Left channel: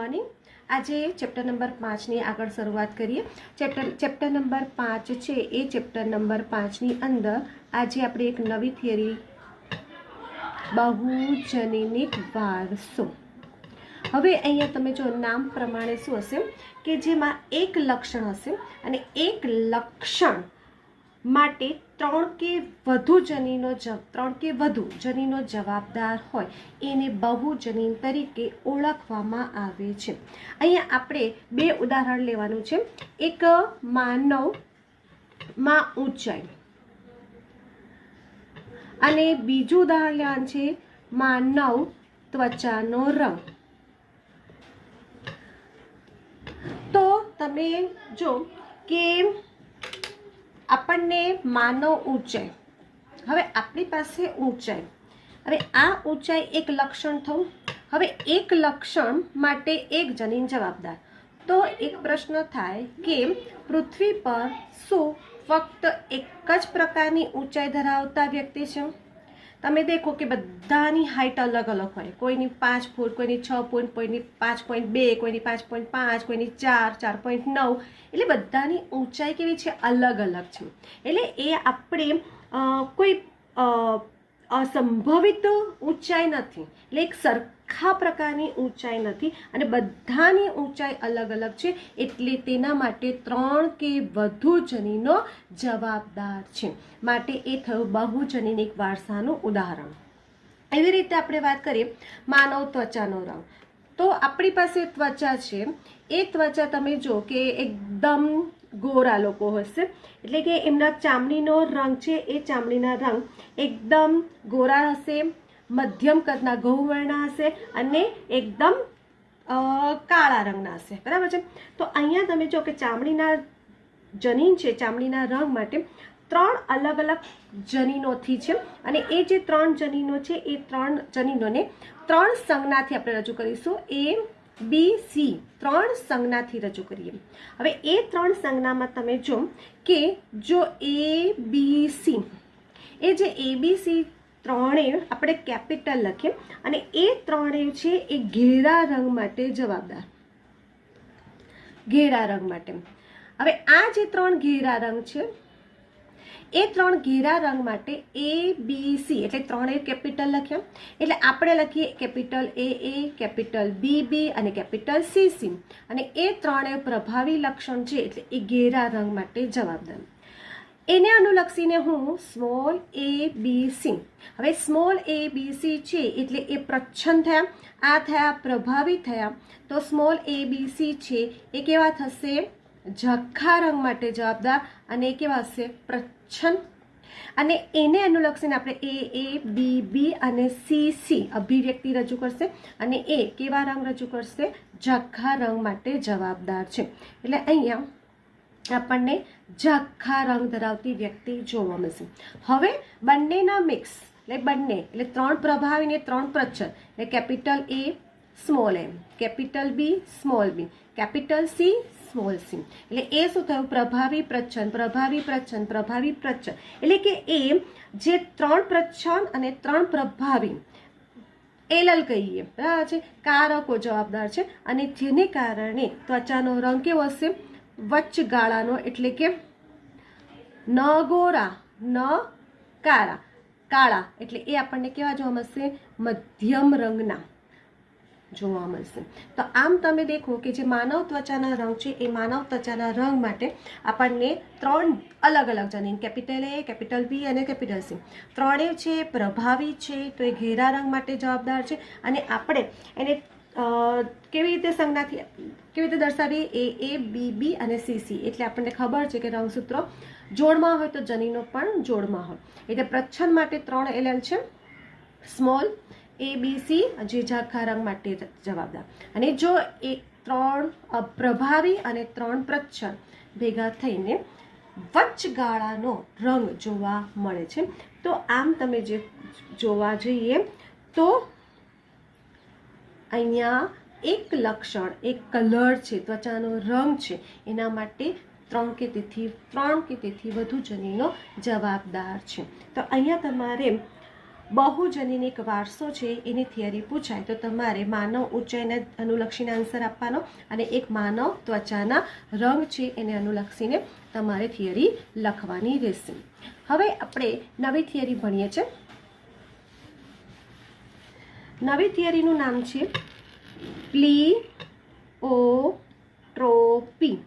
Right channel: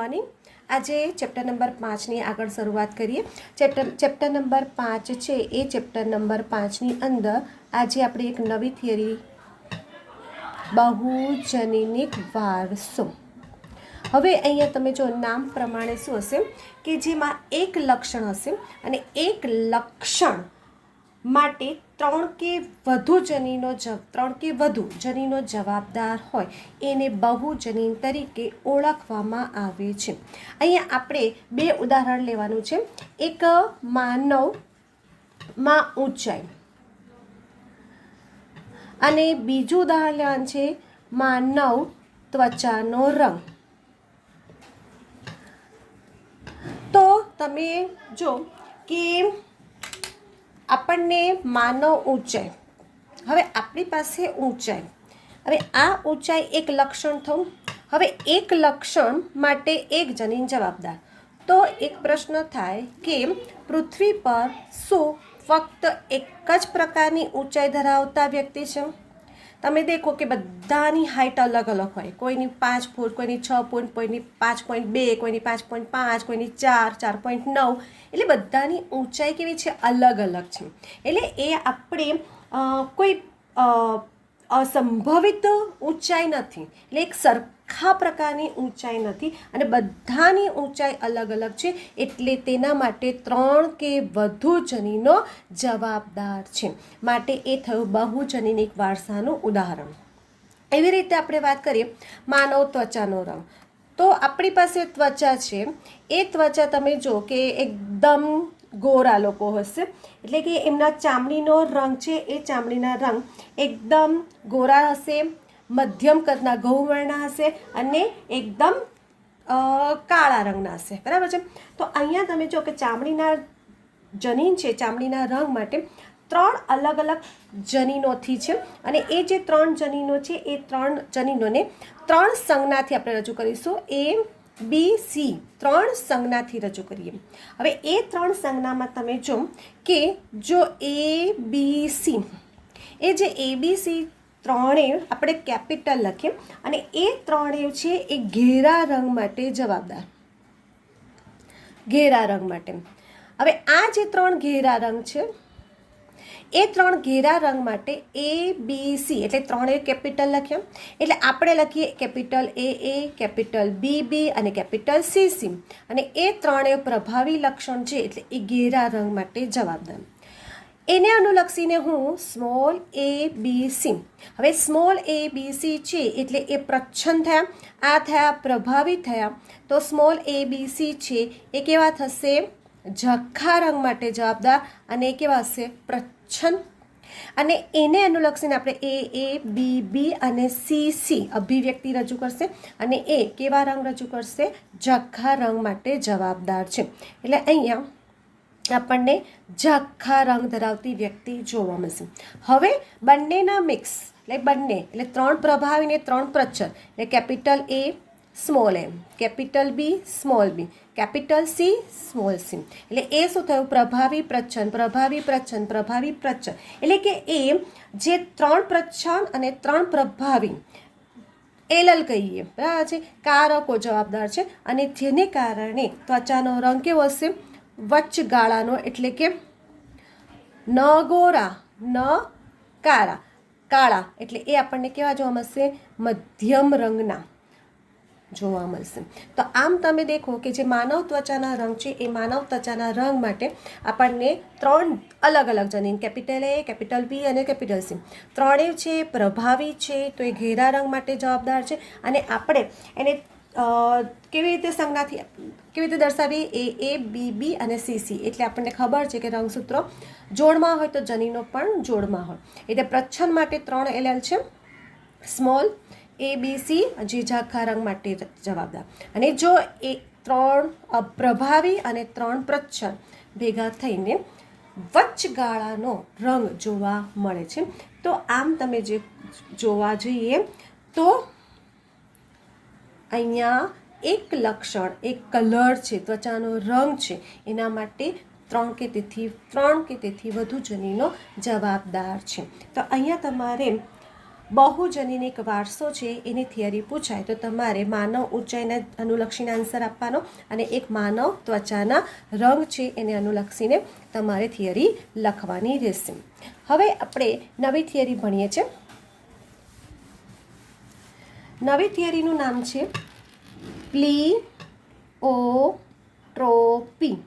Morning. आज chapter number 5 ની આગળ શરૂઆત કરીએ। ચેપ્ટર નંબર 5 છે એ ચેપ્ટર નંબર 5 ની અંદર આજે આપણે એક નવી થિયરી બહુજનીનિક વારસો। હવે અહીંયા તમે જો નામ પ્રમાણે શું હશે કે જેમાં એક લક્ષણ હશે અને એક લક્ષણ માટે ત્રણ કે વધુ જનીનો જવાબદાર હોય એને બહુજનીન તરીકે ઓળખવામાં આવે છે। અહીંયા આપણે બે ઉદાહરણ લેવાનું છે। એક માનવમાં ઊંચાઈ અને બીજું ઉદાહરણ લેવાનું છે માનવ ત્વચાનો રંગ। તો તમે જો કે આપણને માનવ ઊંચાઈ, હવે આપણી પાસે ઊંચાઈ, હવે આ ઊંચાઈ એક લક્ષણ થયું। હવે એક લક્ષણ માટે એક જનીન જવાબદાર। તો એક પ્રશ્ન થાય કે પૃથ્વી પર શું ફક્ત એક જ પ્રકારની ઊંચાઈ ધરાવતા વ્યક્તિ છે? તમે દેખો કે બધાની હાઇટ અલગ અલગ હોય, કોઈની 5 ફૂટ, કોઈની 6 ફૂટ, કોઈની 5.2, કોઈની 5.5, કોઈની 4, 4.9, એટલે બધાની ઊંચાઈ કેવી છે? અલગ અલગ છે। એટલે એ આપણે કોઈ અસંભવિત ઊંચાઈ નથી, એટલે એક સરખા પ્રકારની ઊંચાઈ નથી અને બધાની ઊંચાઈ અલગ અલગ છે, એટલે તેના માટે 3 કે વધુ જનીનો જવાબદાર છે, માટે એ થયું બહુજનીનિક વારસાનું ઉદાહરણ। એવી રીતે આપણે વાત કરીએ માનવ ત્વચાનો રંગ। તો આપણી પાસે ત્વચા છે, એ ત્વચા તમે જો કે એકદમ ગોરા લોકો હશે, એટલે કે એમના ચામડીનો રંગ છે એ ચામડીના રંગ એકદમ ગોરા હશે, મધ્યમ કદના ગૌવર્ણ હશે અને એકદમ કાળા રંગના હશે, બરાબર છે। તો અહીંયા તમે જો કે ચામડીના જનીન છે, ચામડીના રંગ માટે 3 અલગ અલગ જનીનોથી છે અને એ જે 3 જનીનો છે એ 3 જનીનોને 3 સંજ્ઞાથી આપણે રજૂ કરીશું। A, B, C 3 સંજ્ઞાથી રજૂ કરીએ। હવે એ 3 સંજ્ઞામાં તમે જો કે જો A, B, C, એ જે A, B, C ત્રણેય આપણે કેપિટલ લખીએ અને એ ત્રણેય છે એ ઘેરા રંગ માટે જવાબદાર, ઘેરા રંગ માટે। હવે આ જે 3 ઘેરા રંગ છે એ 3 ઘેરા રંગ માટે A, B, C એટલે ત્રણેય કેપિટલ લખ્યા, એટલે આપણે લખીએ કેપિટલ A, કેપિટલ B, અને કેપિટલ C, અને એ ત્રણેય પ્રભાવી લક્ષણ છે એટલે એ ઘેરા રંગ માટે જવાબદાર। એને અનુલક્ષીને હું સ્મોલ a b c, હવે સ્મોલ a b c છે એટલે એ પ્રચ્છન્ન થયા, આ થયા પ્રભાવી થયા। તો સ્મોલ a b c છે એ કેવા થશે? ઝાંખા રંગ માટે જવાબદાર અને એ કેવા હશે? પ્રચ્છન્ન। અને એને અનુલક્ષીને આપણે a b b અને c અભિવ્યક્તિ રજૂ કરશે અને એ કેવા રંગ રજૂ કરશે? ઝાંખા રંગ માટે જવાબદાર છે, એટલે અહીંયા આપણને ઝાંખા રંગ ધરાવતી વ્યક્તિ જોવા મળશે। હવે બંનેના મિક્સ એટલે બંને એટલે 3 પ્રભાવી ને 3 પ્રચ્છન્ન એટલે capital A small a, capital B small b, capital C small c, એટલે એ શું થયું? પ્રભાવી પ્રચ્છન્ન, પ્રભાવી પ્રચ્છન્ન, પ્રભાવી પ્રચ્છન્ન, એટલે કે એ જે 3 પ્રચ્છન્ન અને 3 પ્રભાવી એલલ કહીએ, બરાબર છે, કારકો જવાબદાર છે અને જેને કારણે ત્વચાનો રંગ કેવો હશે? વચગાળાનો, એટલે કે ન ગોરા ન કાળા, એટલે એ આપણને કેવા જોવા મળશે? મધ્યમ રંગના જોવા મળશે। તો આમ તમે દેખો કે જે માનવ ત્વચાના રંગ છે એ માનવ ત્વચાના રંગ માટે આપણને 3 અલગ અલગ જનીન કેપિટલ A, કેપિટલ B અને કેપિટલ C ત્રણેય છે પ્રભાવી છે, તો એ ઘેરા રંગ માટે જવાબદાર છે। અને આપણે એને કેવી રીતે સંજ્ઞાથી કેવી રીતે દર્શાવીએ? A B B અને C એટલે આપણને ખબર છે કે રંગસૂત્રો જોડમાં હોય તો જનીનો પણ જોડમાં હોય, એટલે પ્રચ્છન્ન માટે 3 LL છે, સ્મોલ A B C જે ઝાંખા રંગ માટે જવાબદાર, અને જો એ 3 પ્રભાવી અને 3 પ્રચ્છન્ન ભેગા થઈને વચગાળાનો રંગ જોવા મળે છે। તો આમ તમે જે જોવા જઈએ તો અહીંયા એક લક્ષણ, એક કલર છે, ત્વચાનો રંગ છે, એના માટે 3 કે તેથી વધુ જનીનો જવાબદાર છે। તો અહીંયા તમારે બહુજનીનિક વારસો છે એની થિયરી પૂછાય તો તમારે માનવ ઊંચાઈના અનુલક્ષીને આન્સર આપવાનો અને એક માનવ ત્વચાના રંગ છે એને અનુલક્ષીને તમારે થિયરી લખવાની રહેશે. હવે આપણે નવી થિયરી ભણીએ છીએ. નવી થિયરીનું નામ છે પ્લીઓટ્રોપી.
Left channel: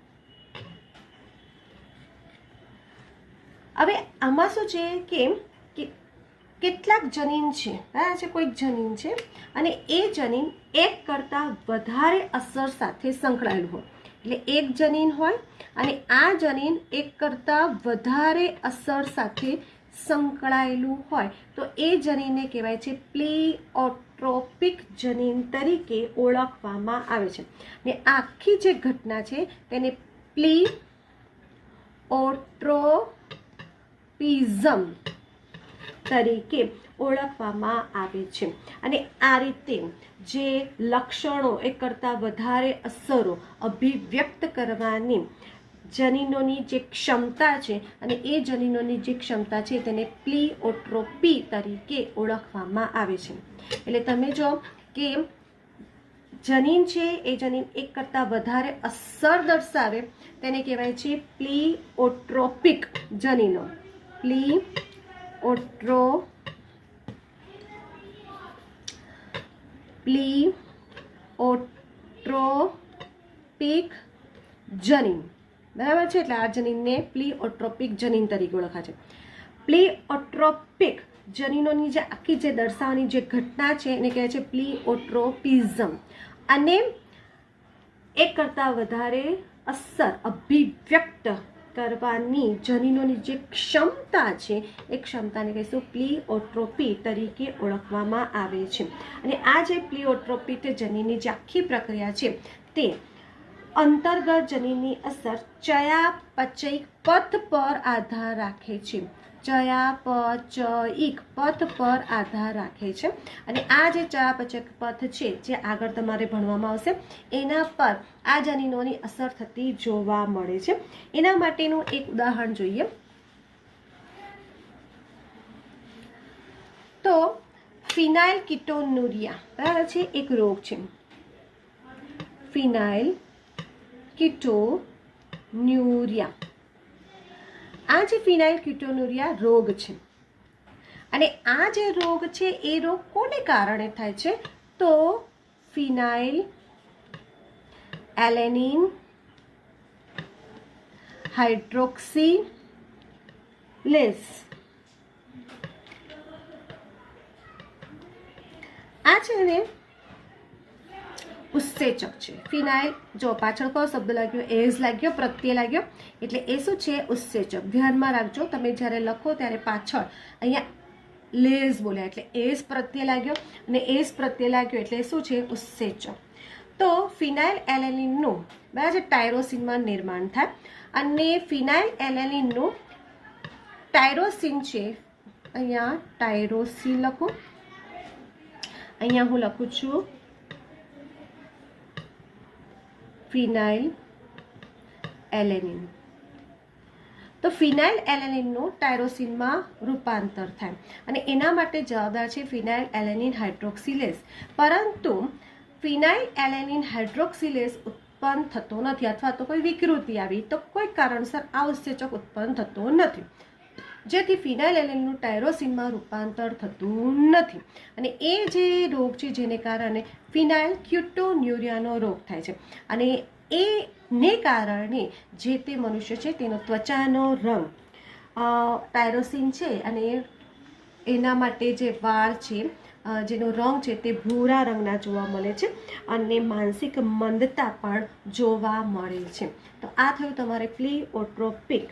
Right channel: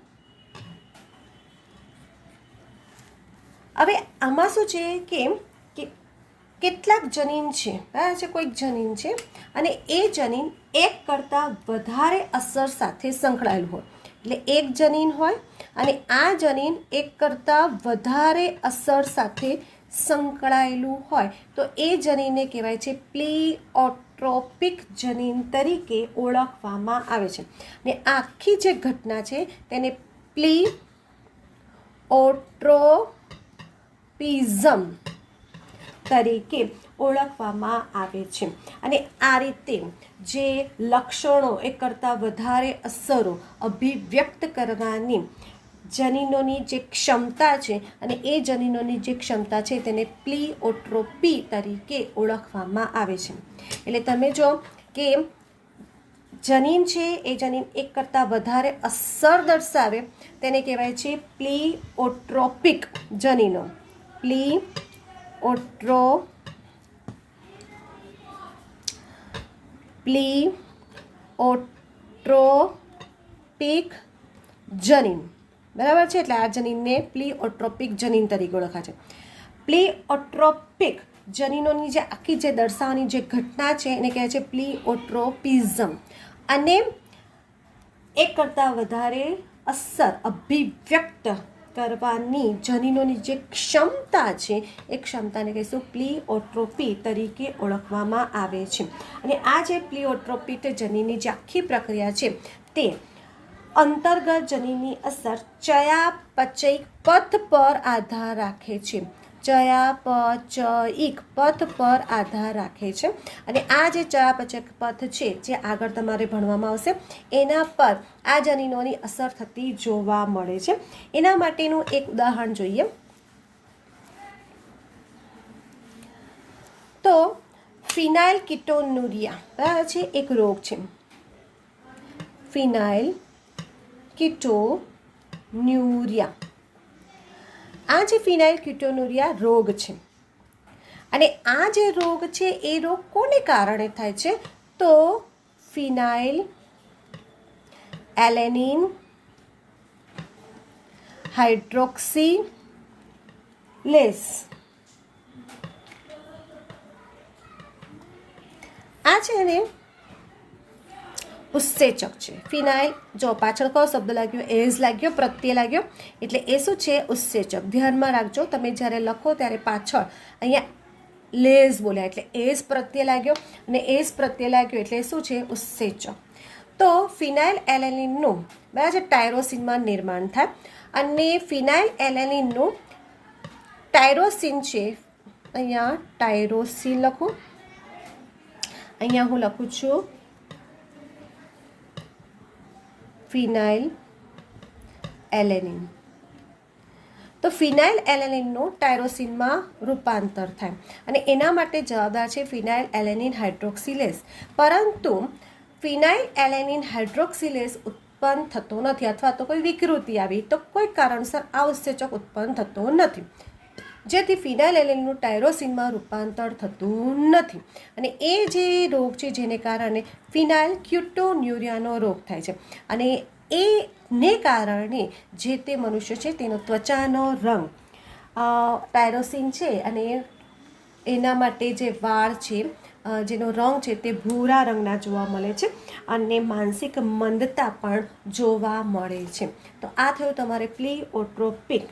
હવે આમાં શું છે કે કેટલાક જનીન છે, બરાબર છે, કોઈક જનીન છે અને એ જનીન એક કરતાં વધારે અસર સાથે સંકળાયેલું હોય. એટલે એક જનીન હોય અને આ જનીન એક કરતાં વધારે અસર સાથે સંકળાયેલું હોય તો એ જનીનને કહેવાય છે પ્લીઓટ્રોપિક જનીન તરીકે ઓળખવામાં આવે છે. ને આખી જે ઘટના છે તેને પ્લીઓટ્રોપિઝમ તરીકે ઓળખવામાં આવે છે. અને આ રીતે જે લક્ષણો એક કરતાં વધારે અસરો અભિવ્યક્ત કરવાની જનીનોની જે ક્ષમતા છે અને એ જનીનોની જે ક્ષમતા છે તેને પ્લીઓટ્રોપી તરીકે ઓળખવામાં આવે છે. એટલે તમે જો કે જનીન છે એ જનીન એક કરતાં વધારે અસર દર્શાવે તેને કહેવાય છે પ્લીઓટ્રોપિક જનીનો. પ્લીઓટ્રોપિક જનીન, બરાબર છે. એટલે આ જનીનને પ્લીઓટ્રોપિક જનીન તરીકે ઓળખાય છે. પ્લીઓટ્રોપિક જનીનોની જે આખી જે દર્શાવવાની જે ઘટના છે એને કહેવાય છે પ્લીઓટ્રોપિઝમ. અને એક કરતાં વધારે અસર અભિવ્યક્ત કરવાની જનીનોની જે ક્ષમતા છે એ ક્ષમતાને કહીશું પ્લીઓટ્રોપી તરીકે ઓળખવામાં આવે છે. અને આ જે પ્લીઓટ્રોપી જનીનની જે આખી પ્રક્રિયા છે તે અંતર્ગત જનીનની અસર ચયાપચયિક પથ પર આધાર રાખે છે. ચયાપચયિક પથ પર આધાર રાખે છે. અને આ જે ચયાપચયિક પથ છે જે આગળ તમારે ભણવામાં આવશે એના પર આ જનીનોની અસર થતી જોવા મળે છે. એના માટેનું એક ઉદાહરણ જોઈએ તો ફિનાઇલ કીટોન્યુરિયા, બરાબર છે, એક રોગ છે. ફિનાઇલ કીટોન્યુરિયા, આ જે ફિનાઇલ કીટોન્યુરિયા રોગ છે અને આ જે રોગ છે એ રોગ કોને કારણે થાય છે તો ફિનાઇલ એલેનિન હાઇડ્રોક્સિલેઝ, આ છે ને ઉત્સેચક છે. ફિનાઇલ, જો પાછળ કયો શબ્દ લાગ્યો, એઝ લાગ્યો, પ્રત્યય લાગ્યો, એટલે એ શું છે ઉત્સેચક. ધ્યાનમાં રાખજો તમે જ્યારે લખો ત્યારે પાછળ અહીંયા લેઝ બોલ્યા એટલે એઝ પ્રત્યય લાગ્યો અને એઝ પ્રત્યય લાગ્યો એટલે શું છે ઉત્સેચક. તો ફિનાઇલ એલેનિનનું, બરાબર છે, ટાયરોસિનમાં નિર્માણ થાય અને ફિનાઇલ એલેનિનનું ટાયરોસિન છે, અહીંયા ટાયરોસિન લખું, અહીંયા હું લખું છું ફિનાઇલ એલેનિન. તો ફિનાઇલ એલેનિનનું ટાયરોસિનમાં રૂપાંતર થાય અને એના માટે જવાબદાર છે ફિનાઇલ એલેનિન હાઇડ્રોક્સિલેઝ. પરંતુ ફિનાઇલ એલેનિન હાઇડ્રોક્સિલેઝ ઉત્પન્ન થતો નથી અથવા તો કોઈ વિકૃતિ આવી તો કોઈ કારણસર આ ઉત્સેચક ઉત્પન્ન થતો નથી, જેથી ફિનાઇલ એલેનિનનું ટાયરોસિનમાં રૂપાંતર થતું નથી. અને એ જે રોગ છે જેને કારણે ફિનાઇલ કીટોન્યુરિયાનો રોગ થાય છે અને એને કારણે જે તે મનુષ્ય છે તેનો ત્વચાનો રંગ ટાયરોસિન છે અને એના માટે જે વાળ છે જેનો રંગ છે તે ભૂરા રંગના જોવા મળે છે અને માનસિક મંદતા પણ જોવા મળે છે. તો આ થયું તમારે પ્લીઓટ્રોપિક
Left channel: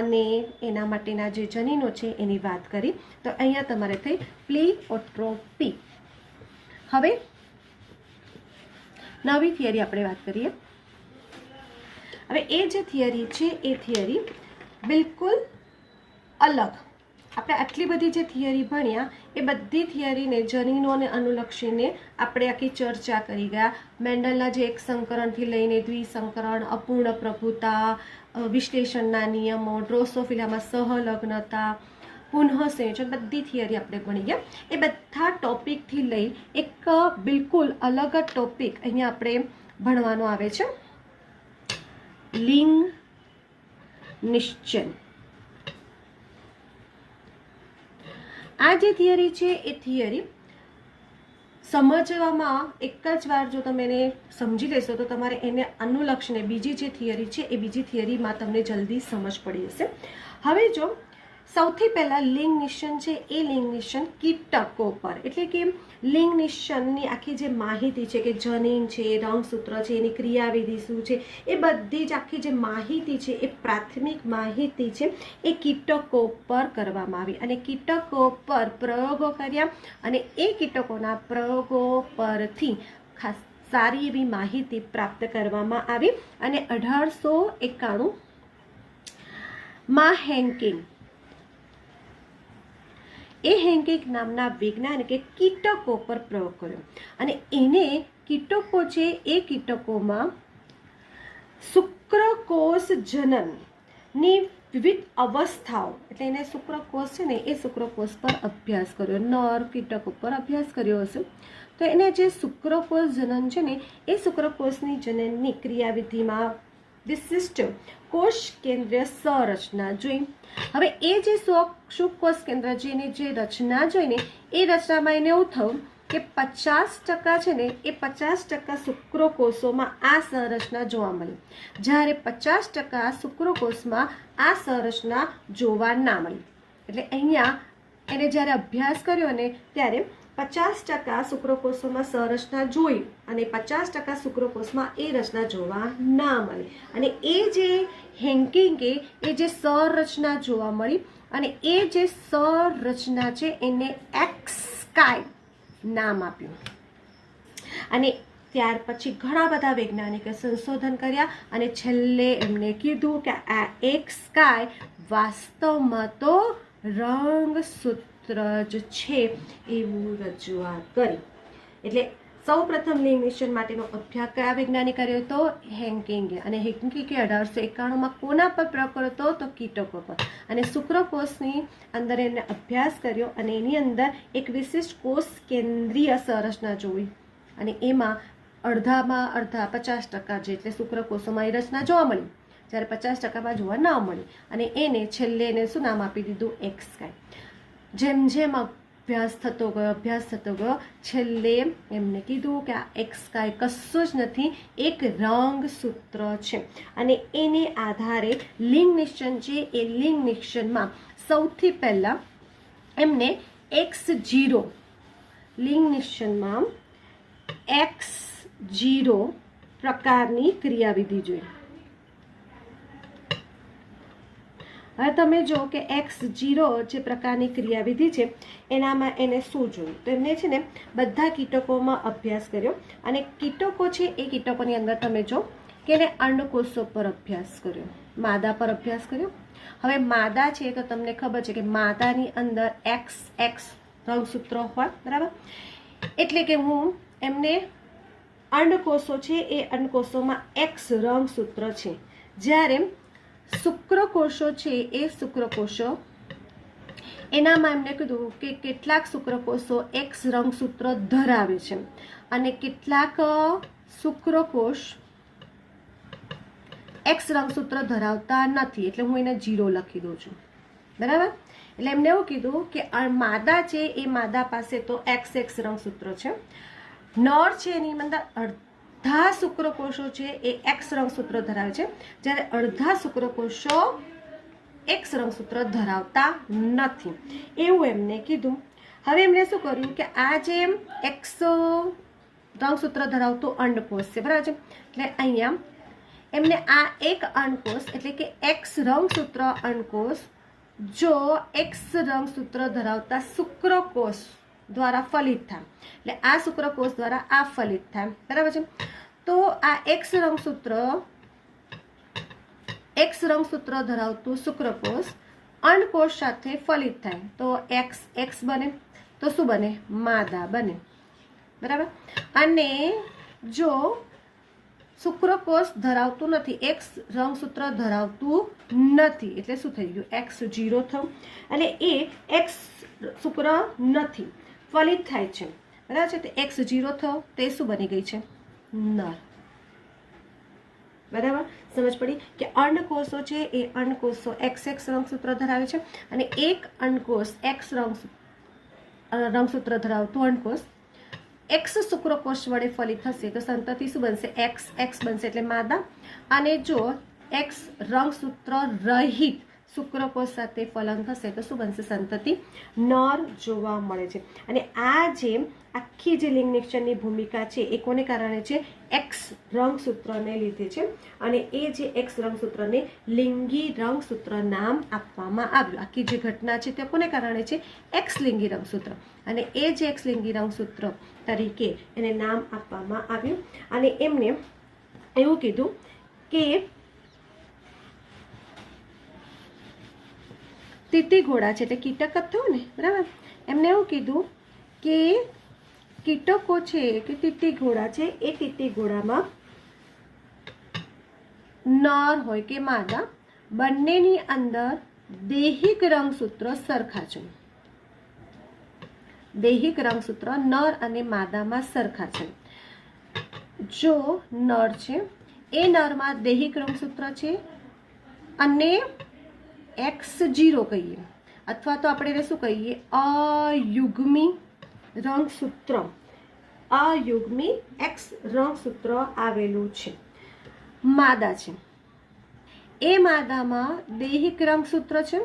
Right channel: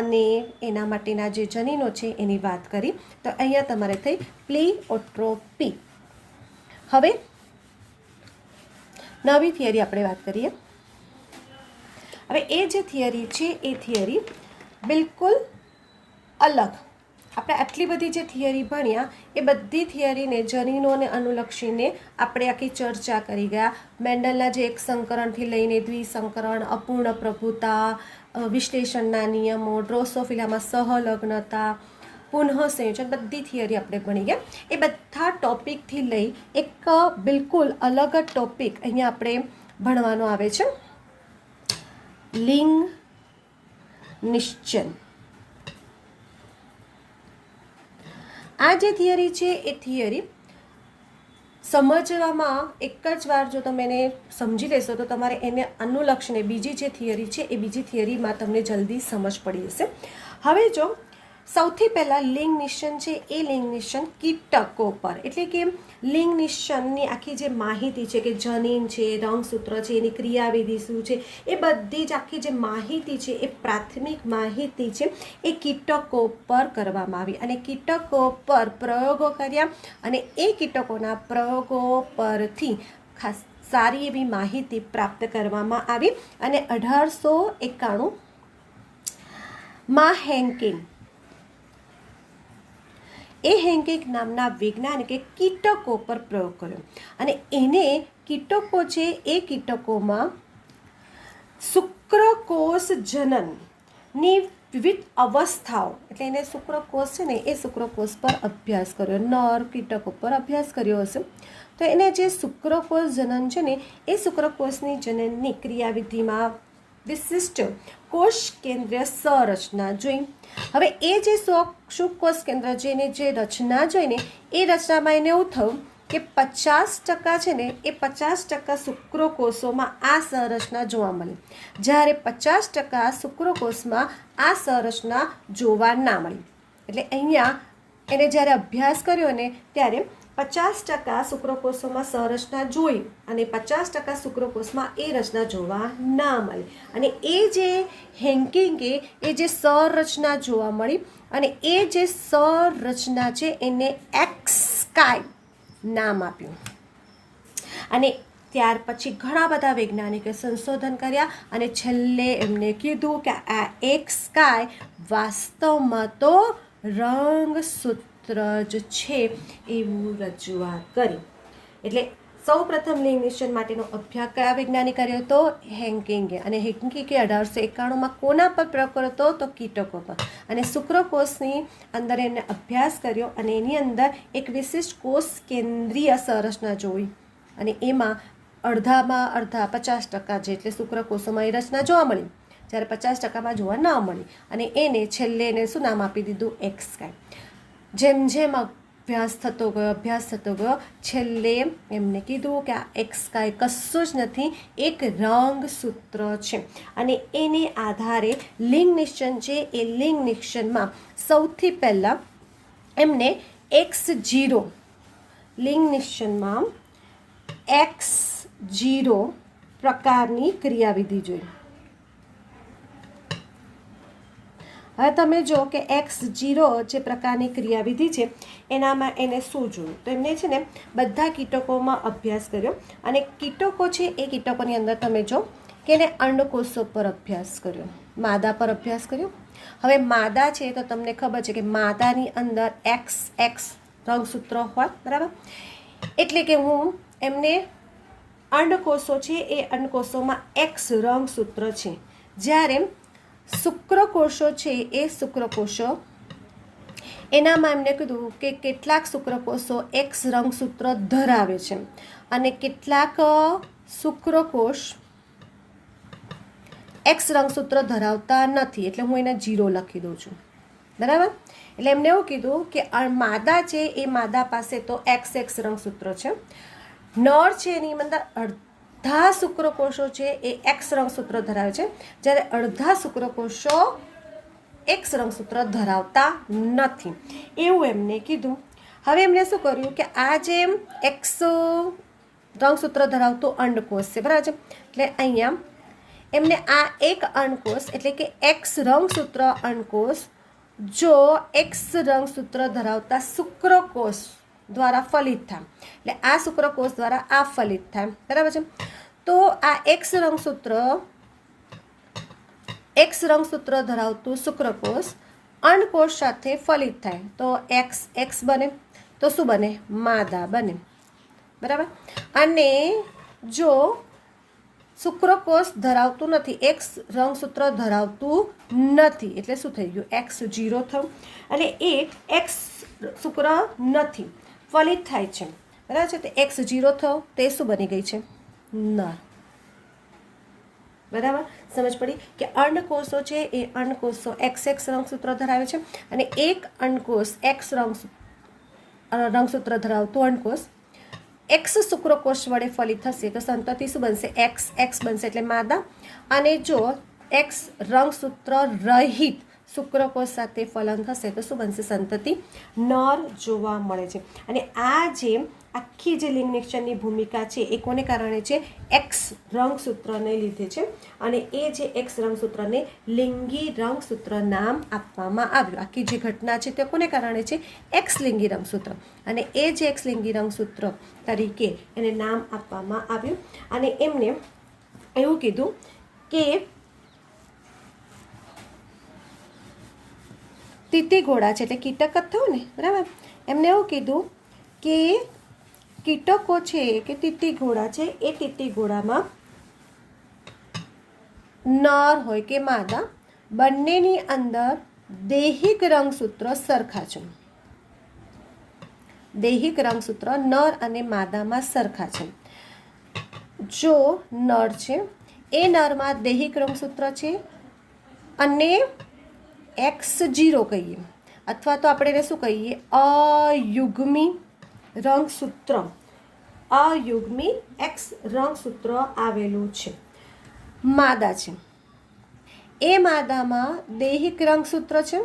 અને એના માટેના જે જનીનો છે એની વાત કરી. તો અહીંયા તમારે થઈ પ્લીઓટ્રોપી. હવે નવી થિયરી આપણે વાત કરીએ. હવે એ જે થિયરી છે એ થિયરી બિલકુલ અલગ. આપણે આટલી બધી જે થિયરી ભણ્યા એ બધી થિયરીને જનીનોને અનુલક્ષીને આપણે આખી ચર્ચા કરી ગયા. મેન્ડલના જે એક સંકરણથી લઈને દ્વિસંકરણ, અપૂર્ણ પ્રભુતા, વિશ્લેષણના નિયમો, ડ્રોસોફિલામાં સહલગ્નતા, પુનઃસંયોજન બધી થિયરી આપણે ભણી ગયા. એ બધા ટોપિકથી લઈ એક બિલકુલ અલગ જ ટોપિક અહીંયા આપણે ભણવાનો આવે છે, લિંગ નિશ્ચન. આ જે થિયરી છે એ થિયરી સમજવામાં એક જ વાર જો તમે એને સમજી લેશો તો તમારે એને અનુલક્ષીને બીજી જે થિયરી છે એ બીજી થિયરીમાં તમને જલ્દી સમજ પડી જશે. હવે જો સૌથી પહેલાં લિંગ નિશ્ચન છે એ લિંગ નિશ્ચન કીટકો પર, એટલે કે લિંગ નિશ્ચનની આખી જે માહિતી છે કે જનીન છે, રંગસૂત્ર છે, એની ક્રિયાવિધિ શું છે, એ બધી જ આખી જે માહિતી છે એ પ્રાથમિક માહિતી છે એ કીટકો પર કરવામાં આવી અને કીટકો પર પ્રયોગો કર્યા અને એ કીટકોના પ્રયોગો પરથી ખાસ સારી એવી માહિતી પ્રાપ્ત કરવામાં આવી અને 1891 માં હેન્કિંગ નામના વૈજ્ઞાનિકે કીટકો પર પ્રયોગ કર્યો અને એને કીટકો છે એ કીટકોમાં શુક્રકોષ જનનની વિવિધ અવસ્થાઓ, એટલે એને શુક્રકોષ છે ને એ શુક્રકોષ પર અભ્યાસ કર્યો, નર કીટકો પર અભ્યાસ કર્યો હશે. તો એને જે શુક્રકોષ જનન છે ને એ શુક્રકોષની જનનની ક્રિયાવિધિમાં વિશિષ્ટ કોષ કેન્દ્રીય સંરચના જોઈ. હવે એ જે શુક્રકોષ કેન્દ્ર જેને જે રચના જોઈને એ રચનામાં એને એવું થયું કે 50% છે ને એ 50% શુક્રકોષોમાં આ સંરચના જોવા મળી, જ્યારે 50% શુક્રકોષમાં આ સંરચના જોવા ના મળી. એટલે અહીંયા એને જ્યારે અભ્યાસ કર્યો ને ત્યારે 50% શુક્રકોષોમાં સંરચના જોઈ અને 50% શુક્રકોષમાં એ રચના જોવા ના મળી અને એ જે હેન્કિંગે એ જે સંરચના જોવા મળી અને એ જે સંરચના છે એને એક્સકાય નામ આપ્યું. અને ત્યાર પછી ઘણા બધા વૈજ્ઞાનિકે સંશોધન કર્યા અને છેલ્લે એમને કીધું કે આ એક્સકાય વાસ્તવમાં તો રંગસૂત્ર જ છે એવું રજૂઆત કરી. એટલે સૌ પ્રથમ લિંગ નિશ્ચન માટેનો અભ્યાસ કયા વૈજ્ઞાનિક કર્યો હતો? હેન્કિંગે. અને હેન્કિંગે 1891માં કોના પર પ્રયોગ કર્યો હતો? તો કીટકો પર. અને શુક્રકોષની અંદર એમને અભ્યાસ કર્યો અને એની અંદર એક વિશિષ્ટ કોષ કેન્દ્રીય સંરચના જોઈ અને એમાં અડધા 50% જેટલે શુક્રકોષોમાં એ રચના જોવા મળી, જ્યારે 50%માં જોવા ન મળી અને એને છેલ્લે એને શું નામ આપી દીધું? એક્સકાય. જેમ જેમ અભ્યાસ થતો ગયો છેલ્લે એમને કીધું કે આ એક્સકાય કશું જ નથી, એક રંગસૂત્ર છે અને એને આધારે લિંગ નિશ્ચન છે એ લિંગ નિશ્ચનમાં સૌથી પહેલાં એમને X0 લિંગ નિશ્ચનમાં X0 પ્રકારની ક્રિયાવિધિ જોઈ. હવે તમે જો કે X0 જે પ્રકારની ક્રિયાવિધિ છે એનામાં એને શું જોયું? તો એમને છે ને બધા કીટકોમાં અભ્યાસ કર્યો અને કીટકો છે એ કીટકોની અંદર તમે જો કે એને અંડકોષો પર અભ્યાસ કર્યો, માદા પર અભ્યાસ કર્યો. હવે માદા છે તો તમને ખબર છે કે માદાની અંદર XX રંગસૂત્ર હોય, બરાબર? એટલે કે હું એમને અંડકોષો છે એ અંડકોષોમાં X રંગસૂત્ર છે, જ્યારે શુક્રકોષો છે એ શુક્રકોષો એનામાં એમને કીધું કે કેટલાક શુક્રકોષો X રંગસૂત્ર ધરાવે છે અને કેટલાક શુક્રકોષ X રંગસૂત્ર ધરાવતા નથી. એટલે હું એને 0 લખી દઉં છું, બરાબર? એટલે એમને એવું કીધું કે માદા છે એ માદા પાસે તો XX રંગસૂત્ર છે, નર છે એની અંદર અડધા શુક્રકોષો છે એ X રંગસૂત્ર ધરાવે છે, જ્યારે અડધા શુક્રકોષો X રંગસૂત્ર ધરાવતા નથી એવું એમને કીધું. હવે એમણે શું કર્યું કે આ જે X રંગસૂત્ર ધરાવતો અંડકોષ છે, બરાબર છે? એટલે અહીંયા એમને આ એક અંડકોષ એટલે કે X રંગસૂત્ર અંડકોષ જો X રંગસૂત્ર ધરાવતા શુક્રકોષ દ્વારા ફલિત થાય, એટલે આ શુક્રકોષ દ્વારા આ ફલિત થાય, બરાબર છે? તો આ X રંગસૂત્ર ધરાવતું શુક્રકોષ અંડકોષ સાથે ફલિત થાય તો XX બને, તો શું બને? માદા બને, બરાબર? અને જો શુક્રકોષ ધરાવતું નથી, એક્સ રંગસૂત્ર ધરાવતું નથી, એટલે શું થઈ ગયું? X0 થયું. અને એ એક્સ શુક્ર નથી, ફલિત થાય છે, બરાબર છે. તો X0 થયો, તે શું બની ગઈ છે? નર. બરાબર સમજ પડી કે અંડકોષો છે એ અંડકોષો XX રંગસૂત્ર ધરાવે છે, અને એક અંડકોષ X રંગસૂત્ર ધરાવતું અંડકોષ X શુક્રકોષ વડે ફલિત થશે તો સંતતિ શું બનશે? XX બનશે, એટલે માદા. અને જો X રંગસૂત્ર રહિત શુક્રકોષ સાથે ફલન થશે તો શું બનશે? સંતતિ નર જોવા મળે છે. અને આ જે આખી જે લિંગ નિશ્ચયની ભૂમિકા છે એ કોને કારણે છે? X રંગસૂત્રને લીધે છે. અને એ જે X રંગસૂત્રને લિંગી રંગસૂત્ર નામ આપવામાં આવ્યું. આખી જે ઘટના છે તે કોને કારણે છે? X લિંગી રંગસૂત્ર. અને એ જે X લિંગી રંગસૂત્ર તરીકે એને નામ આપવામાં આવ્યું. અને એમને એવું કીધું કે તીતીઘોડા છે, એટલે કીટક જ થયું ને, બરાબર. એમને એવું કીધું કે કીટકો છે કે તીતીઘોડા છે એ તીતીઘોડામાં નર હોય કે માદા, બંનેની અંદર દૈહિક રંગસૂત્ર સરખા છે. દૈહિક રંગસૂત્ર નર અને માદામાં સરખા છે. જો નર છે એ નરમાં દૈહિક રંગસૂત્ર છે અને X0 કહીએ, અથવા તો આપણે એને શું કહીએ? અયુગ્મી રંગસૂત્ર, અયુગ્મી X રંગસૂત્ર આવેલું છે. માદા છે એ માદામાં દૈહિક રંગસૂત્ર છે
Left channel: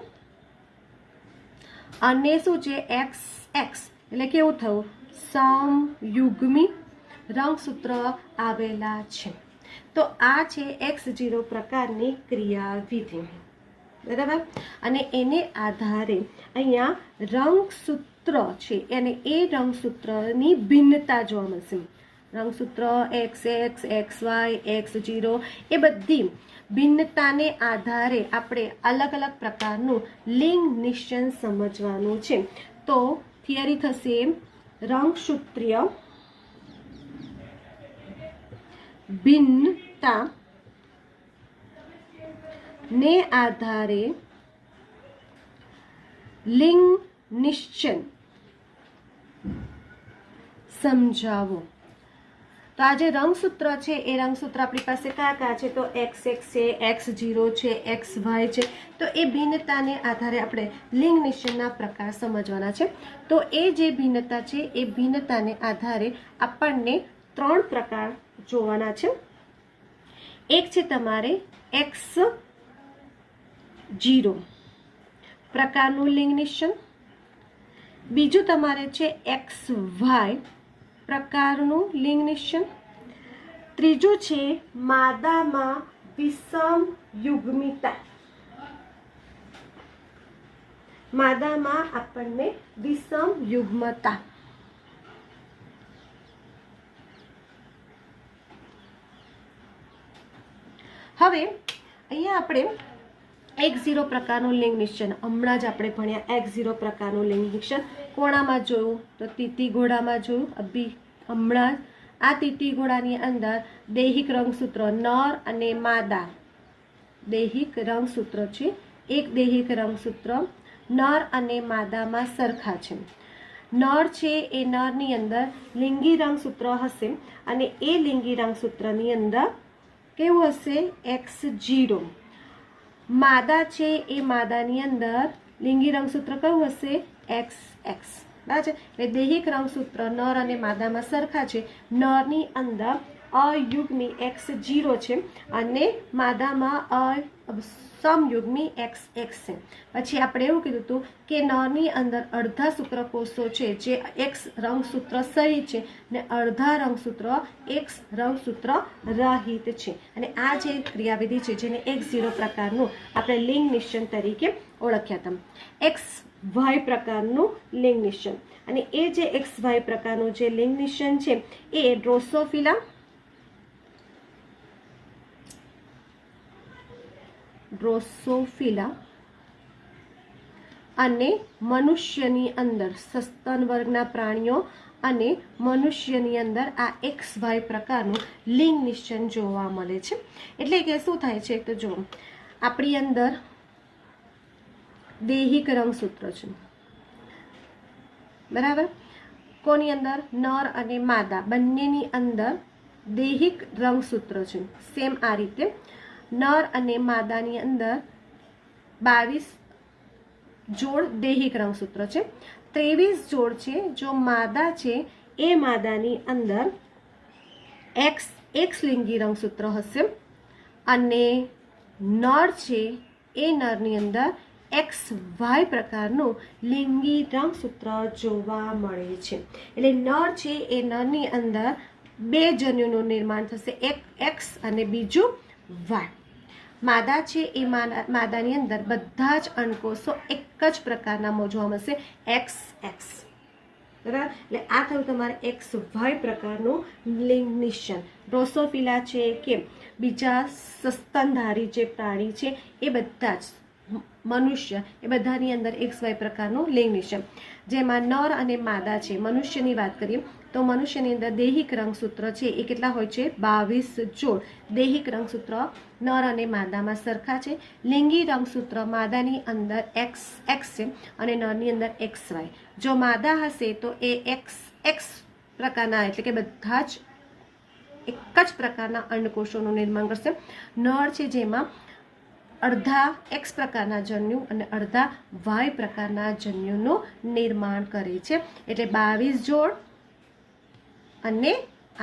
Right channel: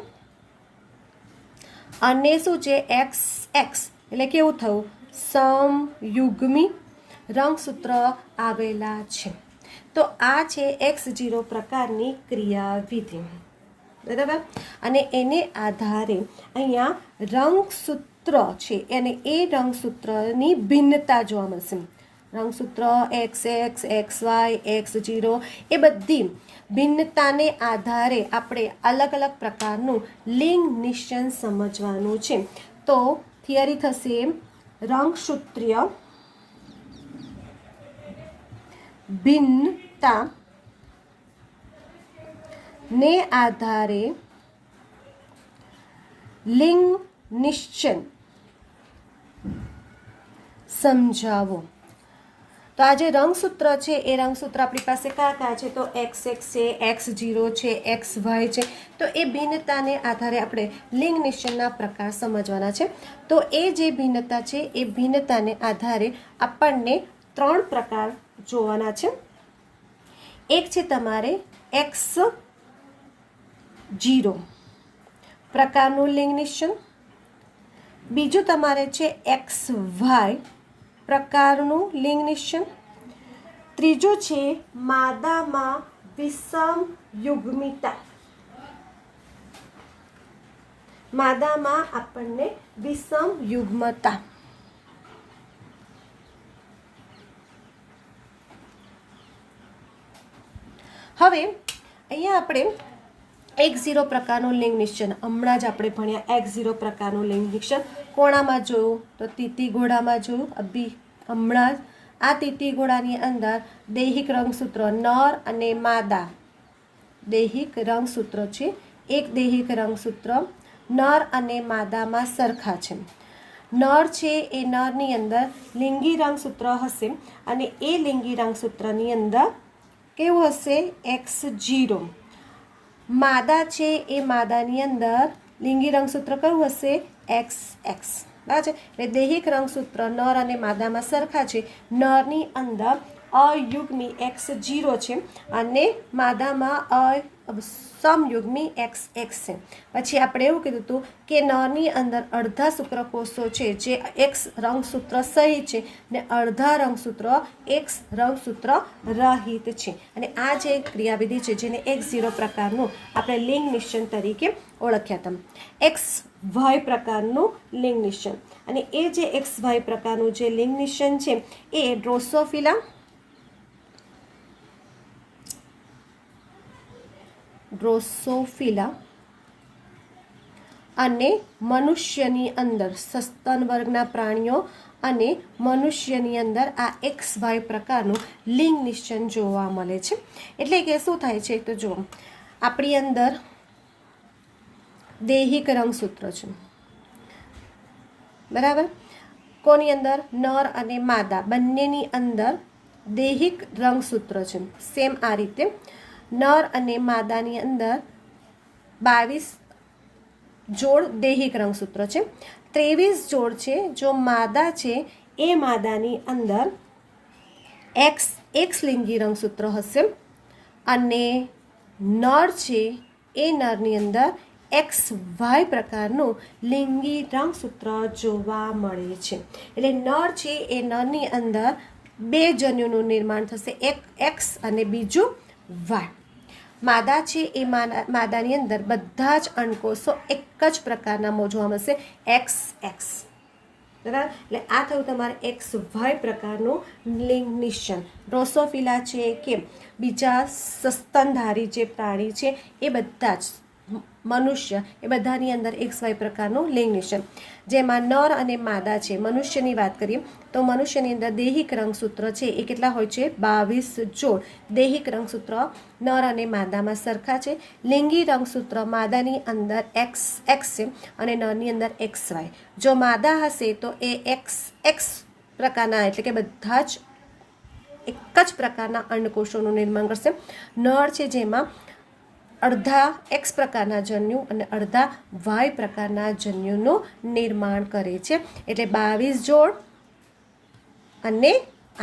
અને શું છે? XX, એટલે કેવું થયું? સમયુગ્મી રંગસૂત્ર આવેલા છે. તો આ છે X0 પ્રકારની ક્રિયાવિધિ, બરાબર. અને એને આધારે અહીંયા રંગસૂત્ર છે અને એ રંગસૂત્રની ભિન્નતા જોવા મળશે. રંગસૂત્ર XX, XY, X0 એ બધી ભિન્નતાને આધારે આપણે અલગ અલગ પ્રકારનું લિંગ નિશ્ચય સમજવાનું છે. તો થિયરી થશે રંગસૂત્રીય ભિન્નતા ને આધારે લિંગ નિશ્ચય સમજાવો. તો આ જે રંગસૂત્ર છે એ રંગસૂત્ર આપણી પાસે કયા કયા છે? તો XX છે, X0 છે, XY છે. તો એ ભિન્નતાને આધારે આપણે લિંગ નિશ્ચયના પ્રકાર સમજવાના છે. તો એ જે ભિન્નતા છે એ ભિન્નતાને આધારે આપણને 3 પ્રકાર જોવાના છે. એક છે તમારે X0 પ્રકારનું લિંગ નિશ્ચય, બીજું તમારે છે XY પ્રકારનું લિંગ નિશ્ચય, ત્રીજું છે માદામાં વિષમ યુગ્મિતા. માદામાં આપણને વિષમ યુગ્મતા. હવે અહીંયા આપણે X0 પ્રકારનું લિંગ નિશ્ચય હમણાં જ આપણે ભણ્યા. X0 પ્રકારનું લિંગ નિશ્ચય કોણામાં જોયું? તો તીતીઘોડામાં જોયું. હમણાં જ આ તીતીઘોડાની અંદર દૈહિક રંગસૂત્ર નર અને માદા દૈહિક રંગસૂત્ર છે. એક દૈહિક રંગસૂત્ર નર અને માદામાં સરખા છે. નર છે એ નરની અંદર લિંગી રંગસૂત્ર હશે અને એ લિંગી રંગસૂત્રની અંદર કેવું હશે? X0. માદા છે એ માદાની અંદર લિંગી રંગસૂત્ર કયું હશે? XX. બરાબર છે. એટલે દૈહિક રંગસૂત્ર નર અને માદામાં સરખા છે. નરની અંદર અયુગ્મી X0 છે અને માદામાં સમયુગ્મી XX છે. પછી આપણે એવું કીધું હતું કે નરની અંદર અડધા શુક્રકોષો છે જે X રંગસૂત્ર સહિત છે ને અડધા રંગસૂત્ર X રંગસૂત્ર રહિત છે. અને આ જે ક્રિયાવિધિ છે જેને X0 પ્રકારનું આપણે લિંગ નિશ્ચય તરીકે ઓળખ્યા હતા. XY પ્રકારનું લિંગ નિશ્ચય. અને એ જે XY પ્રકારનું જે લિંગ નિશ્ચય છે એ ડ્રોસોફિલા અને મનુષ્યની અંદર સસ્તન વર્ગના પ્રાણીઓ અને મનુષ્યની અંદર આ XY પ્રકારનું લિંગ નિશ્ચન જોવા મળે છે. એટલે કે શું થાય છે તો જો આપણી અંદર દૈહિક રંગસૂત્ર છે, બરાબર. કોની અંદર? નર અને માદા બંનેની અંદર દૈહિક રંગસૂત્ર છે. સેમ આ રીતે નર અને માદાની અંદર 22 જોડ દૈહિક રંગસૂત્ર છે. 23 જોડ છે જો માદા છે એ માદાની અંદર X લિંગી રંગસૂત્ર હશે અને નર છે એ નરની અંદર XY પ્રકારનું લિંગી રંગસૂત્ર જોવા મળે છે. એટલે નર છે એ નરની અંદર 2 જન્યુનું નિર્માણ થશે, એક X અને બીજું Y. માદા છે એ માદાની અંદર બધા જ અંડકોષો એક જ પ્રકારના જોવા મળશે, XX. બરાબર. એટલે આ થયું તમારે XY પ્રકારનું લિંગ નિશ્ચન. ડ્રોસોફિલા છે કે બીજા સસ્તનધારી જે પ્રાણી છે એ બધા જ મનુષ્ય એ બધાની અંદર XY પ્રકારનું લિંગ નિશ્ચન. જેમાં નર અને માદા છે. મનુષ્યની વાત કરીએ તો મનુષ્યની અંદર દૈહિક રંગસૂત્ર છે એ કેટલા હોય છે? 22 જોડ દૈહિક રંગસૂત્ર નર અને માદામાં સરખા છે. લિંગી રંગસૂત્ર માદાની અંદર XX છે અને નરની અંદર XY. જો માદા હશે તો એ XX પ્રકારના એટલે કે બધા જ એક જ પ્રકારના અંડકોષોનું નિર્માણ કરશે. નર છે જેમાં અડધા X પ્રકારના જન્યુ અને અડધા Y પ્રકારના જન્યુનું નિર્માણ કરે છે. એટલે 22 જોડ અને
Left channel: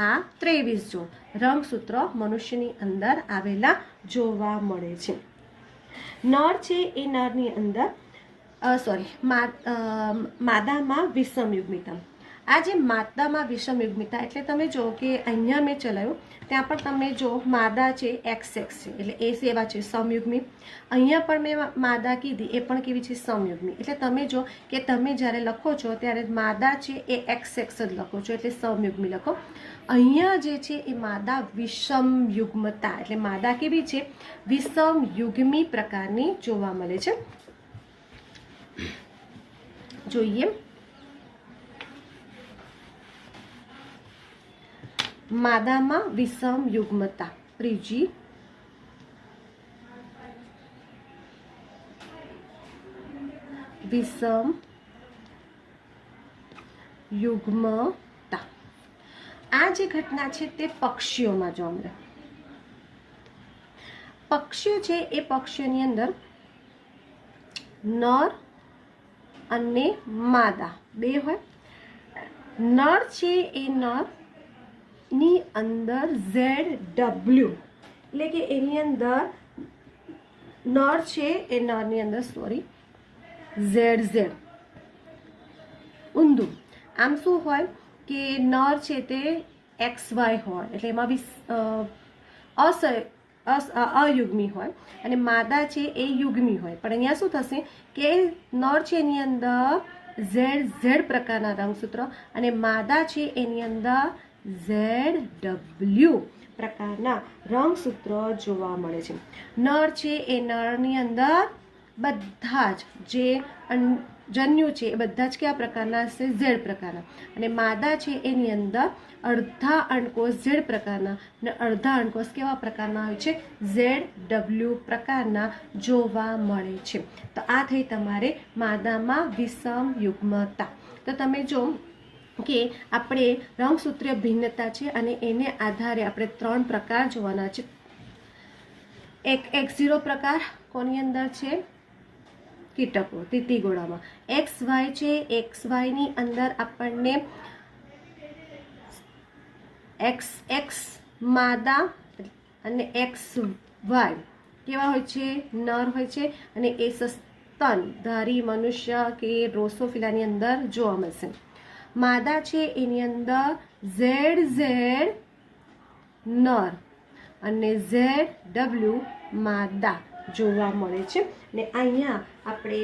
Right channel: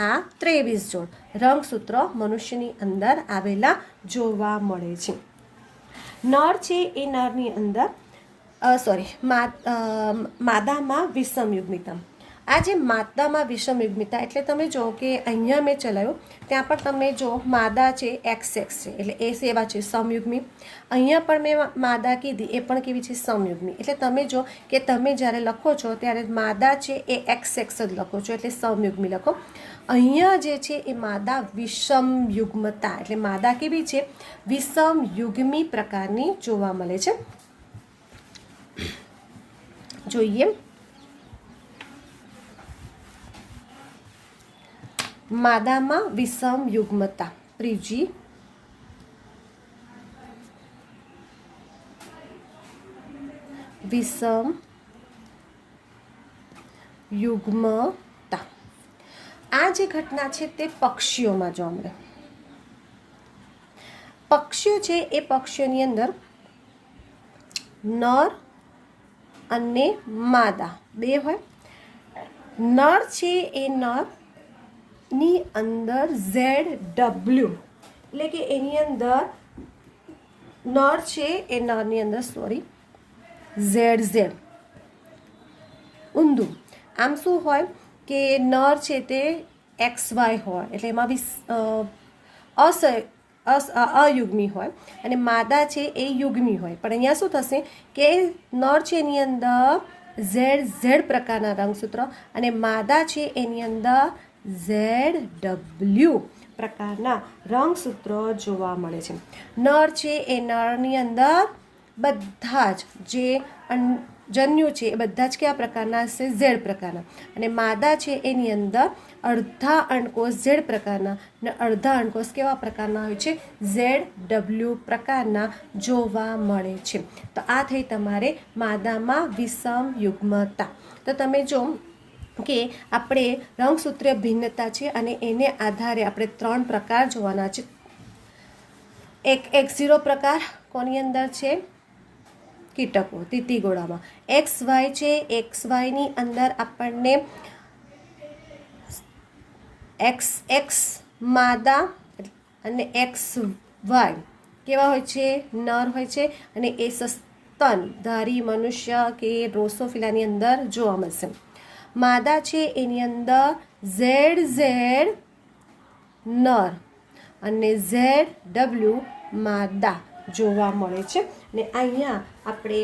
આ 23 જોડ રંગસૂત્ર મનુષ્યની અંદર આવેલા જોવા મળે છે. નર છે એ નરની અંદર માદામાં વિષમયુગ્મિતા. આ જે માદામાં વિષમયુગ્મિતા એટલે તમે જો કે અહીંયા મેં ચલાવ્યું ત્યાં પણ તમને જો માદા છે XX છે એટલે એ સેવા છે સમયુગ્મી. અહીંયા પણ મેં માદા કીધી એ પણ કેવી છે? સમયુગ્મી. એટલે તમે જો કે તમે જ્યારે લખો છો ત્યારે માદા છે એ XX જ લખો છો એટલે સમયુગ્મી લખો. અહીંયા જે છે એ માદા વિષમયુગ્મતા એટલે માદા કેવી છે? વિષમયુગ્મી પ્રકારની જોવા મળે છે. જોઈએ માદામાં વિષમયુગ્મતા. ત્રીજી વિષમયુગ્મતા. આ જે ઘટના છે તે પક્ષીઓમાં જોવા મળે. પક્ષીઓ છે એ પક્ષીઓની અંદર નર અને માદા બે હોય. નર છે એ નર ની અંદર ZW એટલે કે એની અંદર નર છે એ નરની અંદર ZZ ઊંધું. આમ શું હોય કે નર છે તે XY હોય એટલે એમાં અયુગ્મી હોય અને માદા છે એ યુગ્મી હોય. પણ અહીંયા શું થશે કે નર છે એની અંદર ZZ પ્રકારના રંગસૂત્ર અને માદા છે એની અંદર ZW પ્રકારના રંગસૂત્ર જોવા મળે છે. નર છે એ નરની અંદર બધા જ જે જન્યુ છે એ બધા જ કેવા પ્રકારના હશે? Z પ્રકારના. અને માદા છે એની અંદર અડધા અંડકોષ Z પ્રકારના અને અડધા અંડકોષ કેવા પ્રકારના હોય છે? ZW પ્રકારના જોવા મળે છે. તો આ થઈ તમારે માદામાં વિષમયુગ્મતા. તો તમે જો કે આપણે રંગસૂત્રીય ભિન્નતા છે અને એને આધારે આપણે 3 પ્રકાર જોવાના છે. એક X0 પ્રકાર કોની અંદર છે? કીટકો તીતીગોળામાં. XY છે XY ની અંદર આપણને XX માદા અને XY કેવા હોય છે? નર હોય છે અને એ સસ્તનધારી મનુષ્ય કે ડ્રોસોફિલાની અંદર જોવા મળશે. માદા છે એની અંદર ZZ નર અને ZW માદા જોવા મળે છે. ને અહીંયા આપણે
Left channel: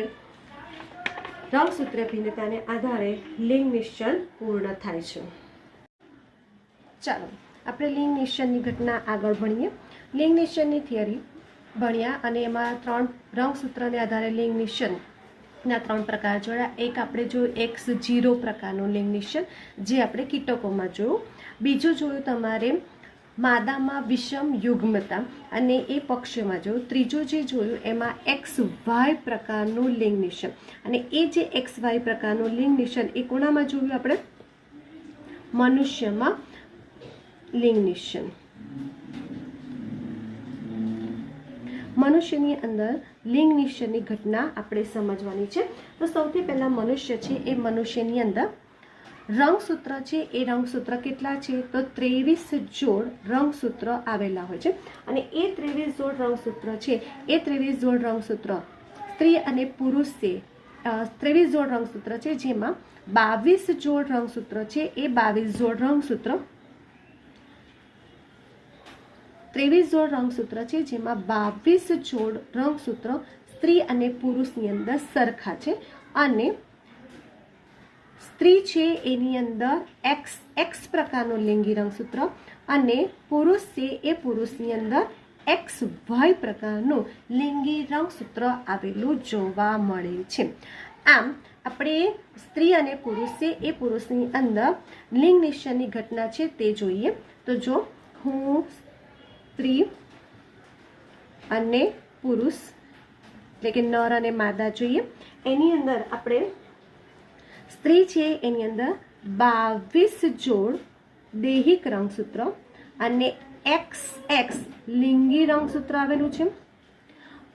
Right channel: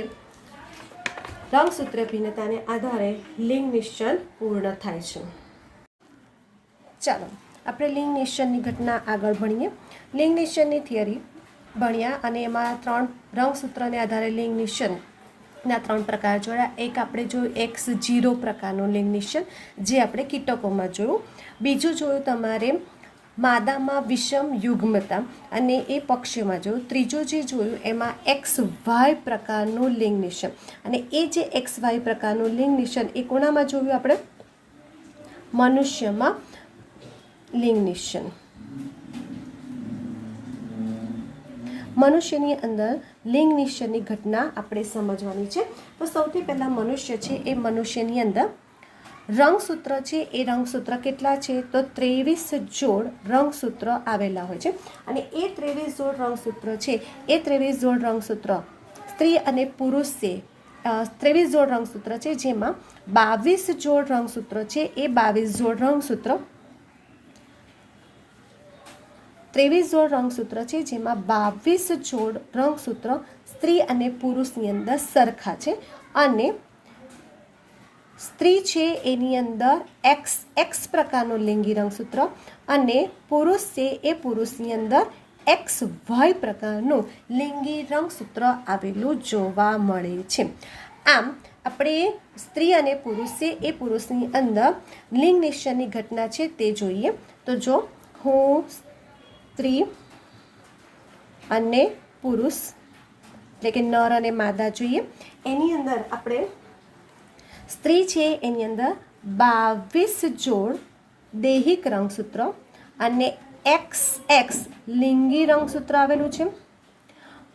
રંગસૂત્રીય ભિન્નતાને આધારે લિંગ નિશ્ચન પૂર્ણ થાય છે. ચાલો આપણે લિંગ નિશ્ચનની ઘટના આગળ ભણીએ. લિંગ નિશ્ચનની થિયરી ભણ્યા અને એમાં 3 રંગસૂત્રને આધારે લિંગ નિશ્ચન ના 3 પ્રકાર જોયા. એક આપણે જોયું X0 પ્રકારનું લિંગ નિષેધ, જે આપણે કીટકોમાં જોયું. બીજું જોયું તમારે માદામાં વિષમ યુગ્મતા, અને એ પક્ષીઓમાં જોયું. ત્રીજું જે જોયું એમાં XY પ્રકારનું લિંગ નિષેધ, અને એ જે XY પ્રકારનું લિંગ નિષેધ એ કોનામાં જોયું આપણે? મનુષ્યમાં લિંગ નિષેધ. મનુષ્યની અંદર લિંગ નિષેધની ઘટના આપણે સમજવાની છે. તો સૌથી પહેલાં મનુષ્ય છે, એ મનુષ્યની અંદર રંગસૂત્ર છે, એ રંગસૂત્ર કેટલા છે? તો 23 જોડ રંગસૂત્ર આવેલા હોય છે. અને એ 23 જોડ રંગસૂત્ર છે, એ 23 જોડ રંગસૂત્ર સ્ત્રી અને પુરુષે 23 જોડ રંગસૂત્ર છે, જેમાં 22 જોડ રંગસૂત્ર છે, એ 22 જોડ રંગસૂત્ર 23 જોડ રંગસૂત્ર છે, જેમાં 22 જોડ રંગસૂત્ર સ્ત્રી અને પુરુષની અંદર સરખા છે. અને સ્ત્રી છે એની અંદર X પ્રકારનું લિંગી રંગસૂત્ર, અને પુરુષ છે એ પુરુષની અંદર XY પ્રકારનું લિંગી રંગસૂત્ર આવેલું જોવા મળે છે. આમ આપણે સ્ત્રી અને પુરુષ છે એ પુરુષની અંદર લિંગ નિષેધની ઘટના છે તે જોઈએ. તો જો હું સ્ત્રી અને પુરુષ એટલે કે નર અને માદા જોઈએ, એની અંદર આપણે સ્ત્રી છે એની અંદર 22 જોડ દૈહિક રંગસૂત્ર અને XX લિંગી રંગસૂત્ર આવેલું છે.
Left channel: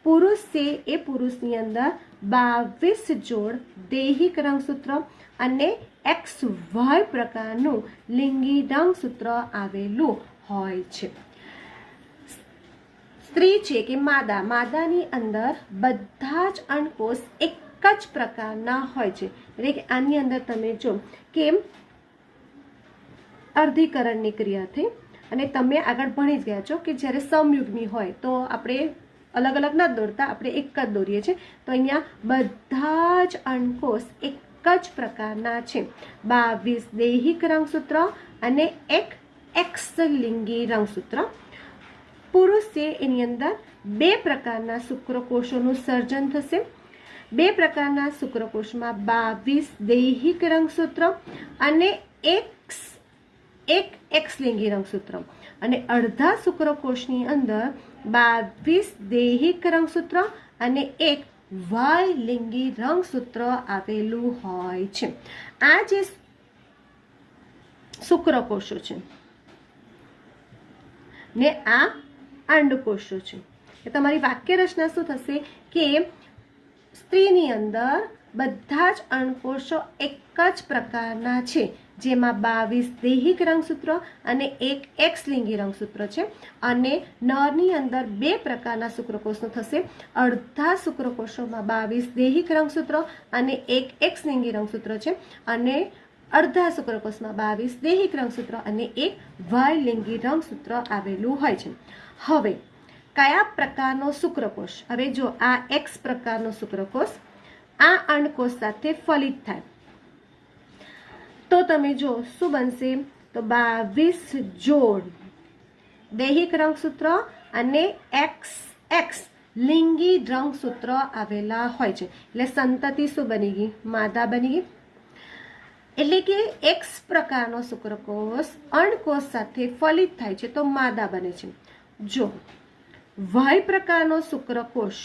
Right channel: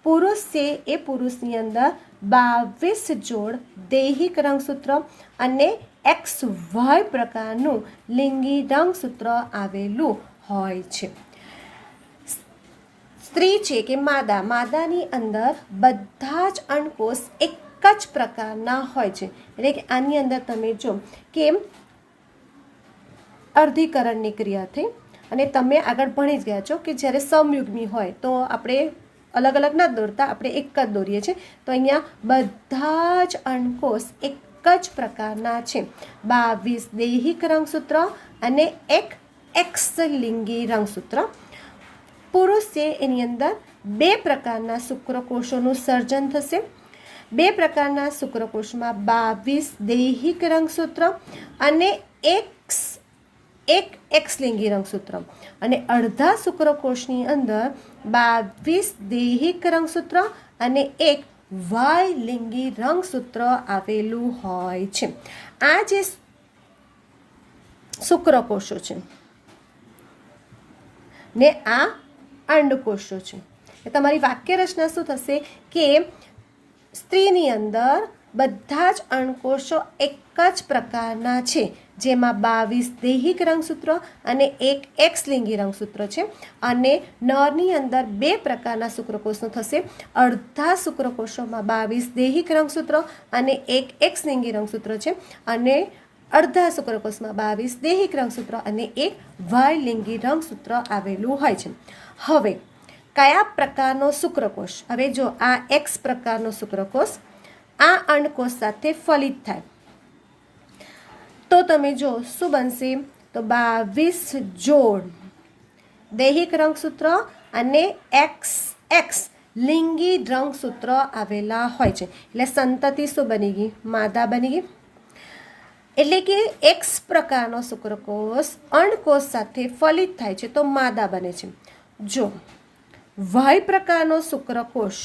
પુરુષ છે એ પુરુષની અંદર 22 જોડ દૈહિક રંગસૂત્ર અને XY પ્રકારનું લિંગી રંગસૂત્ર આવેલું હોય છે. સ્ત્રી છે કે માદાની અંદર બધા જ અંડકોષ એક જ પ્રકારના હોય છે. એટલે કે આની અંદર તમે જો કે અર્ધીકરણની ક્રિયા થઈ, અને તમે આગળ ભણી જ ગયા છો કે જ્યારે સમયુગ્મી હોય તો આપણે અલગ અલગ ના દોરતા, આપણે એક જ દોરીએ છીએ. તો અહીંયા બધા જ અંડકોષ એક જ પ્રકારના છે. 22 દૈહિક રંગસૂત્ર અને એક X લિંગી રંગસૂત્ર. પુરુષ છે એની અંદર 2 પ્રકારના શુક્રકોષોનું સર્જન થશે. 2 પ્રકારના શુક્રકોષમાં 22 દૈહિક રંગસૂત્ર અને એક X લિંગી રંગસૂત્ર. અને અડધા શુક્રકોષની અંદર 22 દૈહિક રંગસૂત્ર અને એક Y લિંગી રંગસૂત્ર આવેલું હોય છે. આ જે શુક્રકોષો છે ને આ અંડકોષો છે. તમારી વાક્ય રચના શું થશે કે સ્ત્રીની અંદર બધા જ અંડકોષો એક જ પ્રકારના છે, જેમાં 22 દૈહિક રંગસૂત્ર અને એક X લિંગી રંગસૂત્ર છે. અને નરની અંદર 2 પ્રકારના શુક્રકોષો થશે. અડધા શુક્રકોષોમાં 22 દૈહિક રંગસૂત્ર અને એક X લિંગી રંગસૂત્ર છે, અને અડધા શુક્રકોષમાં 22 દૈહિક રંગસૂત્ર અને એક Y લિંગી રંગસૂત્ર આવેલું હોય છે. હવે કયા પ્રકારનો શુક્રકોષ? હવે જો આ X પ્રકારનો શુક્રકોષ આ અંડકોષ સાથે ફલિત થાય તો તમે જો શું બનશે? તો 22 જોડ દૈહિક રંગસૂત્ર અને XX લિંગી રંગસૂત્ર આવેલા હોય છે. એટલે સંતતિ શું બની ગઈ? માદા બની ગઈ. એટલે કે X પ્રકારનો શુક્રકોષ અંડકોષ સાથે ફલિત થાય છે તો માદા બને છે. જો Y પ્રકારનો શુક્રકોષ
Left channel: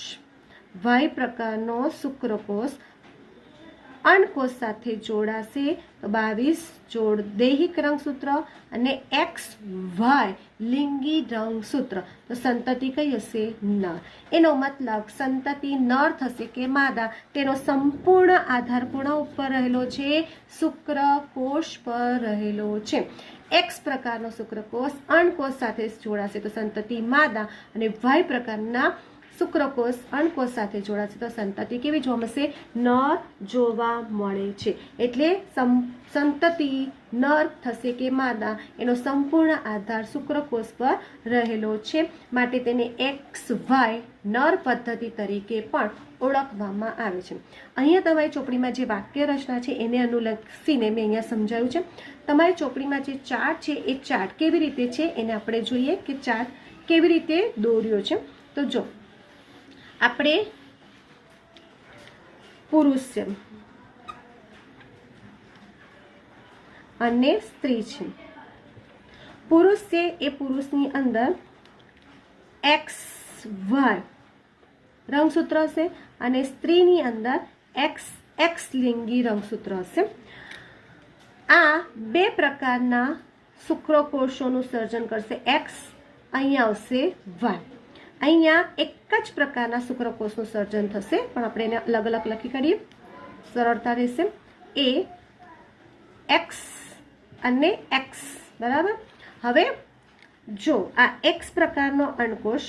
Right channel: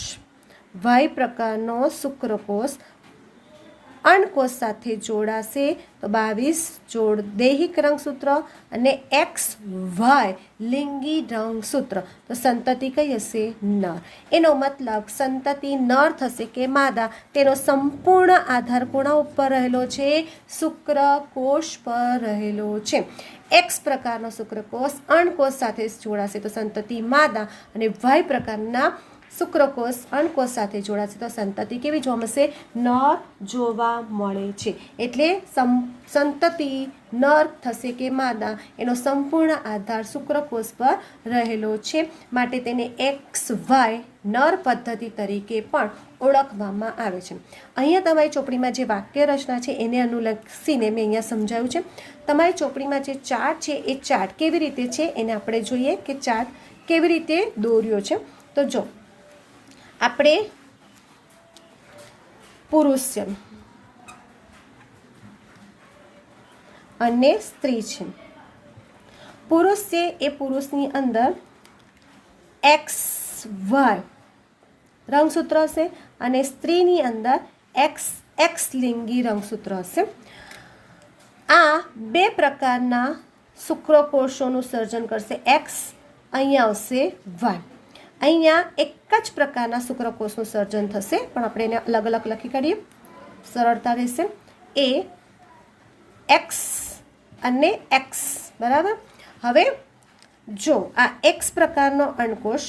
અંડકોષ સાથે જોડાશે તો 22 જોડ દૈહિક રંગસૂત્ર અને XY લિંગી રંગસૂત્ર. તો સંતતિ કઈ હશે? નર. એનો મતલબ સંતતિ નર થશે કે માદા, તેનો સંપૂર્ણ આધાર કોના ઉપર રહેલો છે? શુક્રકોષ પર રહેલો છે. X પ્રકારનો શુક્રકોષ અંડકોષ સાથે જોડાશે તો સંતતિ માદા, અને Y પ્રકારના શુક્રકોષ અંડકોષ સાથે જોડાશે તો સંતતિ કેવી જોવા મળશે? નર જોવા મળે છે. એટલે સંતતિ નર થશે કે માદા, એનો સંપૂર્ણ આધાર શુક્રકોષ પર રહેલો છે. માટે તેને XY નર પદ્ધતિ તરીકે પણ ઓળખવામાં આવે છે. અહીંયા તમારી ચોપડીમાં જે વાક્ય રચના છે એને અનુલક્ષીને મેં અહીંયા સમજાવ્યું છે. તમારી ચોપડીમાં જે ચાર્ટ છે એ ચાર્ટ કેવી રીતે છે એને આપણે જોઈએ કે ચાર્ટ કેવી રીતે દોર્યો છે. તો જો આપણે પુરુષ છે અને સ્ત્રી છે. પુરુષ છે એ પુરુષની અંદર XY રંગસૂત્ર હશે અને સ્ત્રીની અંદર XX લિંગી રંગસૂત્ર હશે. આ બે પ્રકારના શુક્રકોષોનું સર્જન કરશે. X અહીંયા આવશે, Y અહીંયા એક જ પ્રકારના શુક્રકોષનું સર્જન થશે, પણ આપણે એને અલગ અલગ લખી કાઢીએ, સરળતા રહેશે. એ X અને X બરાબર. હવે જો આ X પ્રકારનો અંડકોષ,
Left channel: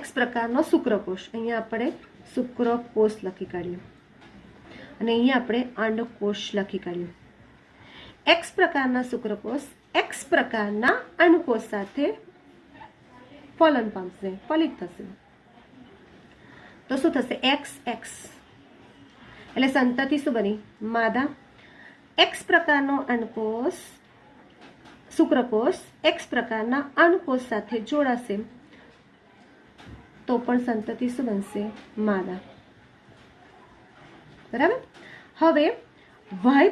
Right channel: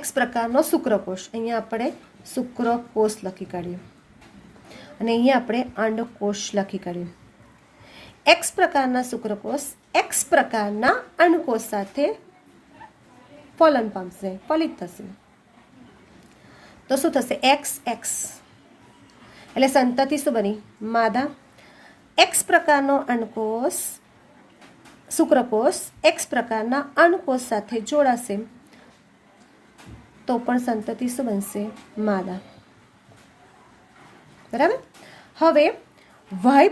X પ્રકારનો શુક્રકોષ, અહીંયા આપણે શુક્રકોષ લખી કાઢીએ અને અહીંયા આપણે અંડકોષ લખી કાઢીએ. X પ્રકારના શુક્રકોષ X પ્રકારના અંડકોષ સાથે ફલન પામશે, ફલિત થશે. તો શું થશે? XX એટલે સંતતિ શું બની? માદા. X પ્રકારનો અંડકોષ શુક્રકોષ X પ્રકારના અંડકોષ સાથે જોડાશે તો પણ સંતતિ શું બનશે? માદા. બરાબર. હવે Y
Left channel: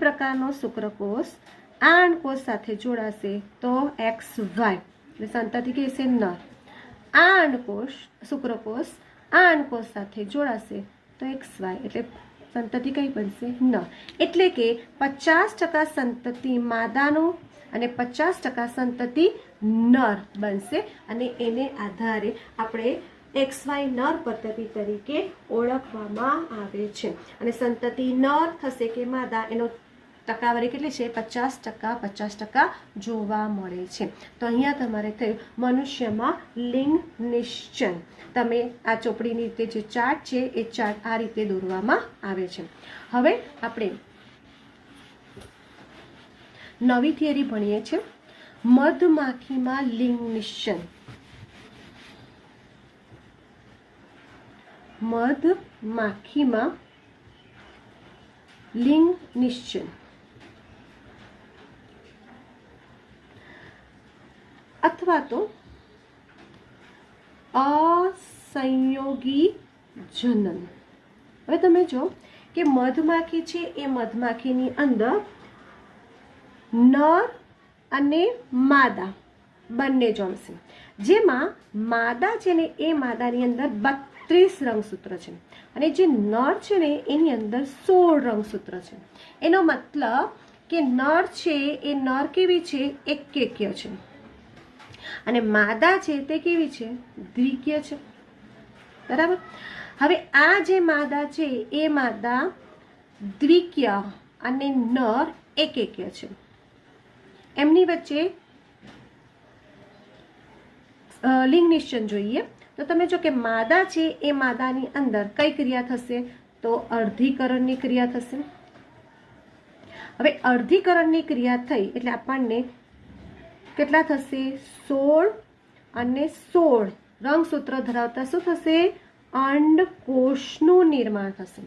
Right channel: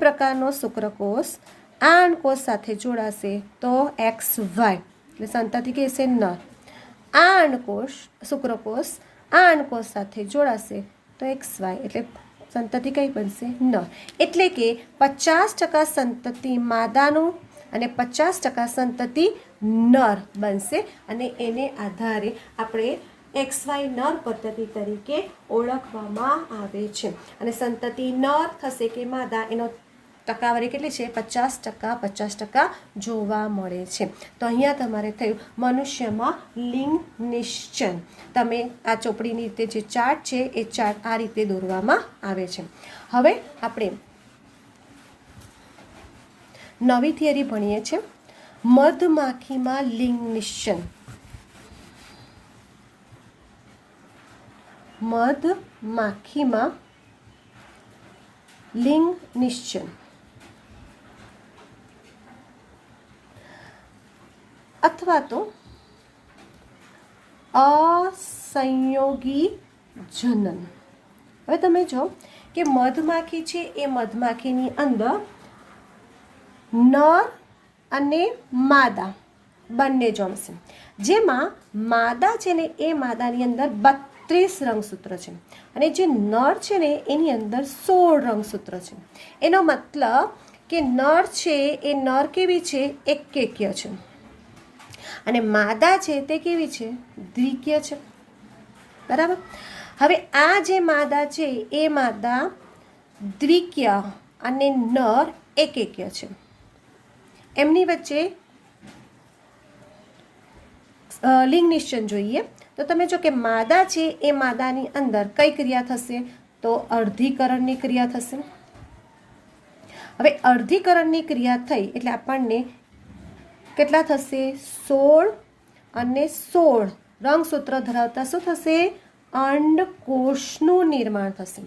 પ્રકારનો શુક્રકોષ આ અંડકોષ સાથે જોડાશે તો XY એટલે સંતતિ કહેશે નર. આ અંડકોષ શુક્રકોષ આ અંડકોષ સાથે જોડાશે તો XY એટલે સંતતિ કઈ બનશે? નર. એટલે કે 50% સંતતિ માદાનું અને 50% સંતતિ નર બનશે અને એને આધારે આપણે XY નર પદ્ધતિ તરીકે ઓળખવામાં આવે છે. અને સંતતિ નર થશે કે માદા એનો ટકાવારી કેટલી છે? 50% જોવા મળે છે. તો અહીંયા તમારે થયું મનુષ્યમાં લિંગ નિશ્ચન. તમે આ ચોપડીની રીતે જે ચાર્ટ છે એ ચાર્ટ આ રીતે દોરવામાં આવે છે. હવે આપણે નવી થિયરી ભણીએ છીએ, મધમાખીમાં લિંગ નિશ્ચન. મધમાખીમાં લિંગ નિશ્ચન અથવા તો અસંયોગી જનન. હવે તમે જો કે મધમાખી છે એ મધમાખીની અંદર નર અને માદા બંને જમશે. જેમાં માદા છે ને એ માદાની અંદર 32 રંગસૂત્ર છે અને જે નર છે ને એની અંદર 16 રંગસૂત્ર છે. એનો મતલબ કે નર છે એ નર કેવી છે? એકકેક્ય છે અને માદા છે તે કેવી છે? દ્વિકીય છે. બરાબર. હવે આ જે માદા છે એ માદા દ્વિકીય અને નર એકકેક્ય છે. એમની વચ્ચે લિંગ નિશ્ચન જોઈએ તો તમે જો કે માદા છે એ માદાની અંદર કઈ ક્રિયા થશે? તો અર્ધીકરણની ક્રિયા થશે. હવે અર્ધીકરણની ક્રિયા થઈ એટલે આપણને કેટલા થશે? 16 અને 16 રંગસૂત્ર ધરાવતા શું થશે? અંડકોષનું નિર્માણ થશે.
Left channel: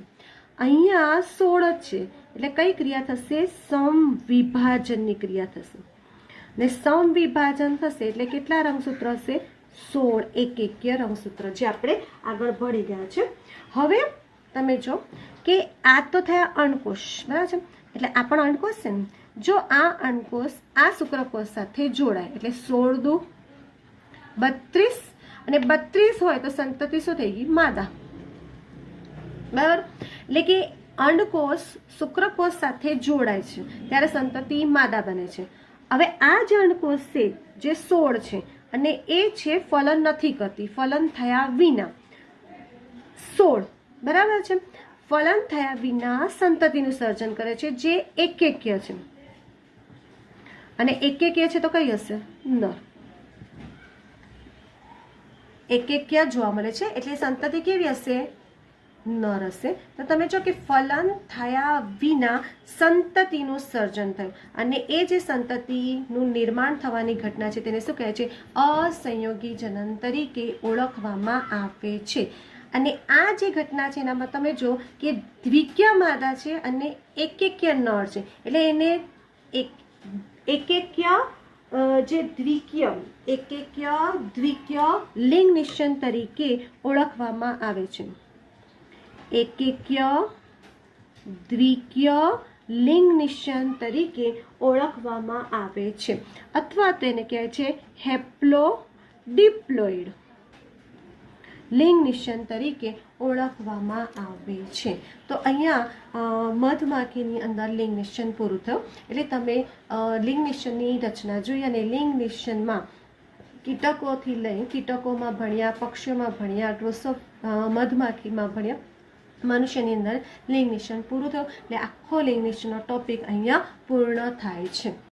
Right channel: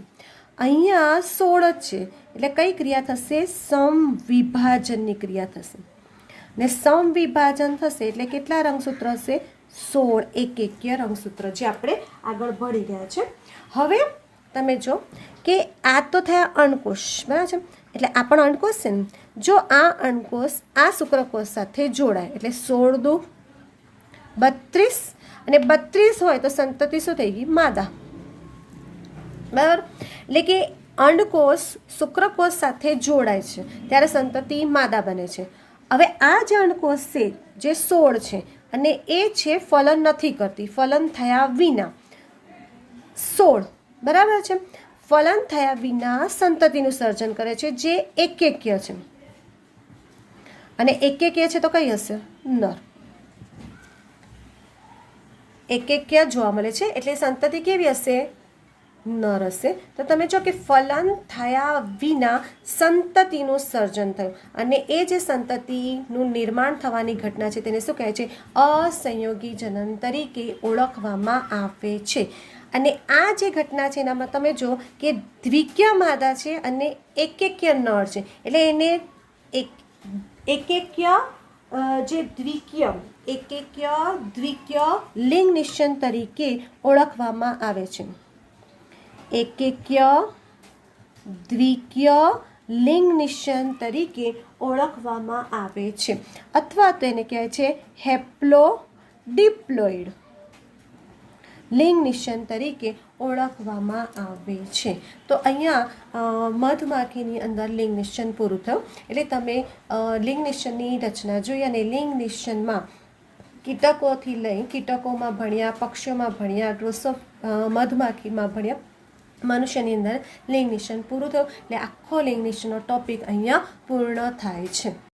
અહીંયા 16 જ છે એટલે કઈ ક્રિયા થશે? સમવિભાજનની ક્રિયા થશે. ને સમવિભાજન થશે એટલે કેટલા રંગસૂત્ર હશે? 16 એકકેક્ય રંગસૂત્ર, જે આપણે આગળ ભણી ગયા છે. હવે તમે જો કે આ તો થયા અંડકોષ, બરાબર છે. એટલે આ પણ અંડકોષ છે ને. જો આ અંડકોષ આ શુક્રકોષ સાથે જોડાય એટલે 16 દુ 32 અને 32 હોય તો સંતતિ શું થઈ ગઈ? માદા. બરાબર. એટલે કે અંડકોષ શુક્રકોષ સાથે જોડાય છે ત્યારે સંતતિ માદા બને છે. હવે આ જે અંડકોષ છે જે 16 છે અને એ છે ફલન નથી કરતી, ફલન થયા વિના 16, બરાબર છે. ફલન થયા વિના સંતતિનું સર્જન કરે છે જે એકકેક્ય છે અને એકકેક્ય છે તો કઈ હશે? નર. એકકેક્ય જોવા મળે છે એટલે સંતતિ કેવી હશે? નર હશે. તો તમે જો કે ફલન થયા વિના સંતતિનું સર્જન થયું અને એ જે સંતતિનું નિર્માણ થવાની ઘટના છે તેને શું કહે છે? અસંયોગી જનન તરીકે ઓળખવામાં આવે છે. અને આ જે ઘટના છે એનામાં તમે જો કે દ્વિકીય માદા છે અને એકકેક્ય નર છે એટલે એને એકકેક્ય જે દ્વિકીય એકકીય દ્વિકીય લિંગ નિશ્ચન તરીકે ઓળખવામાં આવે છે. એકકીય દ્વિકીય લિંગ નિશ્ચન તરીકે ઓળખવામાં આવે છે અથવા તેને કહેવાય છે હેપ્લોડિપ્લોઇડ લિંગ નિશ્ચન તરીકે ઓળખવામાં આવે છે. તો અહીંયા મધમાખીની અંદર લિંગ નિશ્ચન પૂરું થયું. એટલે તમે લિંગ નિશ્ચનની રચના જોઈ અને લિંગ નિશ્ચનમાં કીટકોથી લઈ કીટકોમાં ભણ્યા, પક્ષીઓમાં ભણ્યા, મધમાખીમાં ભણ્યા, મનુષ્યની અંદર લિંગ નિશ્ચન પૂરું થયું. એટલે આખો લિંગ નિશ્ચનનો ટોપિક અહીંયા પૂર્ણ થાય છે.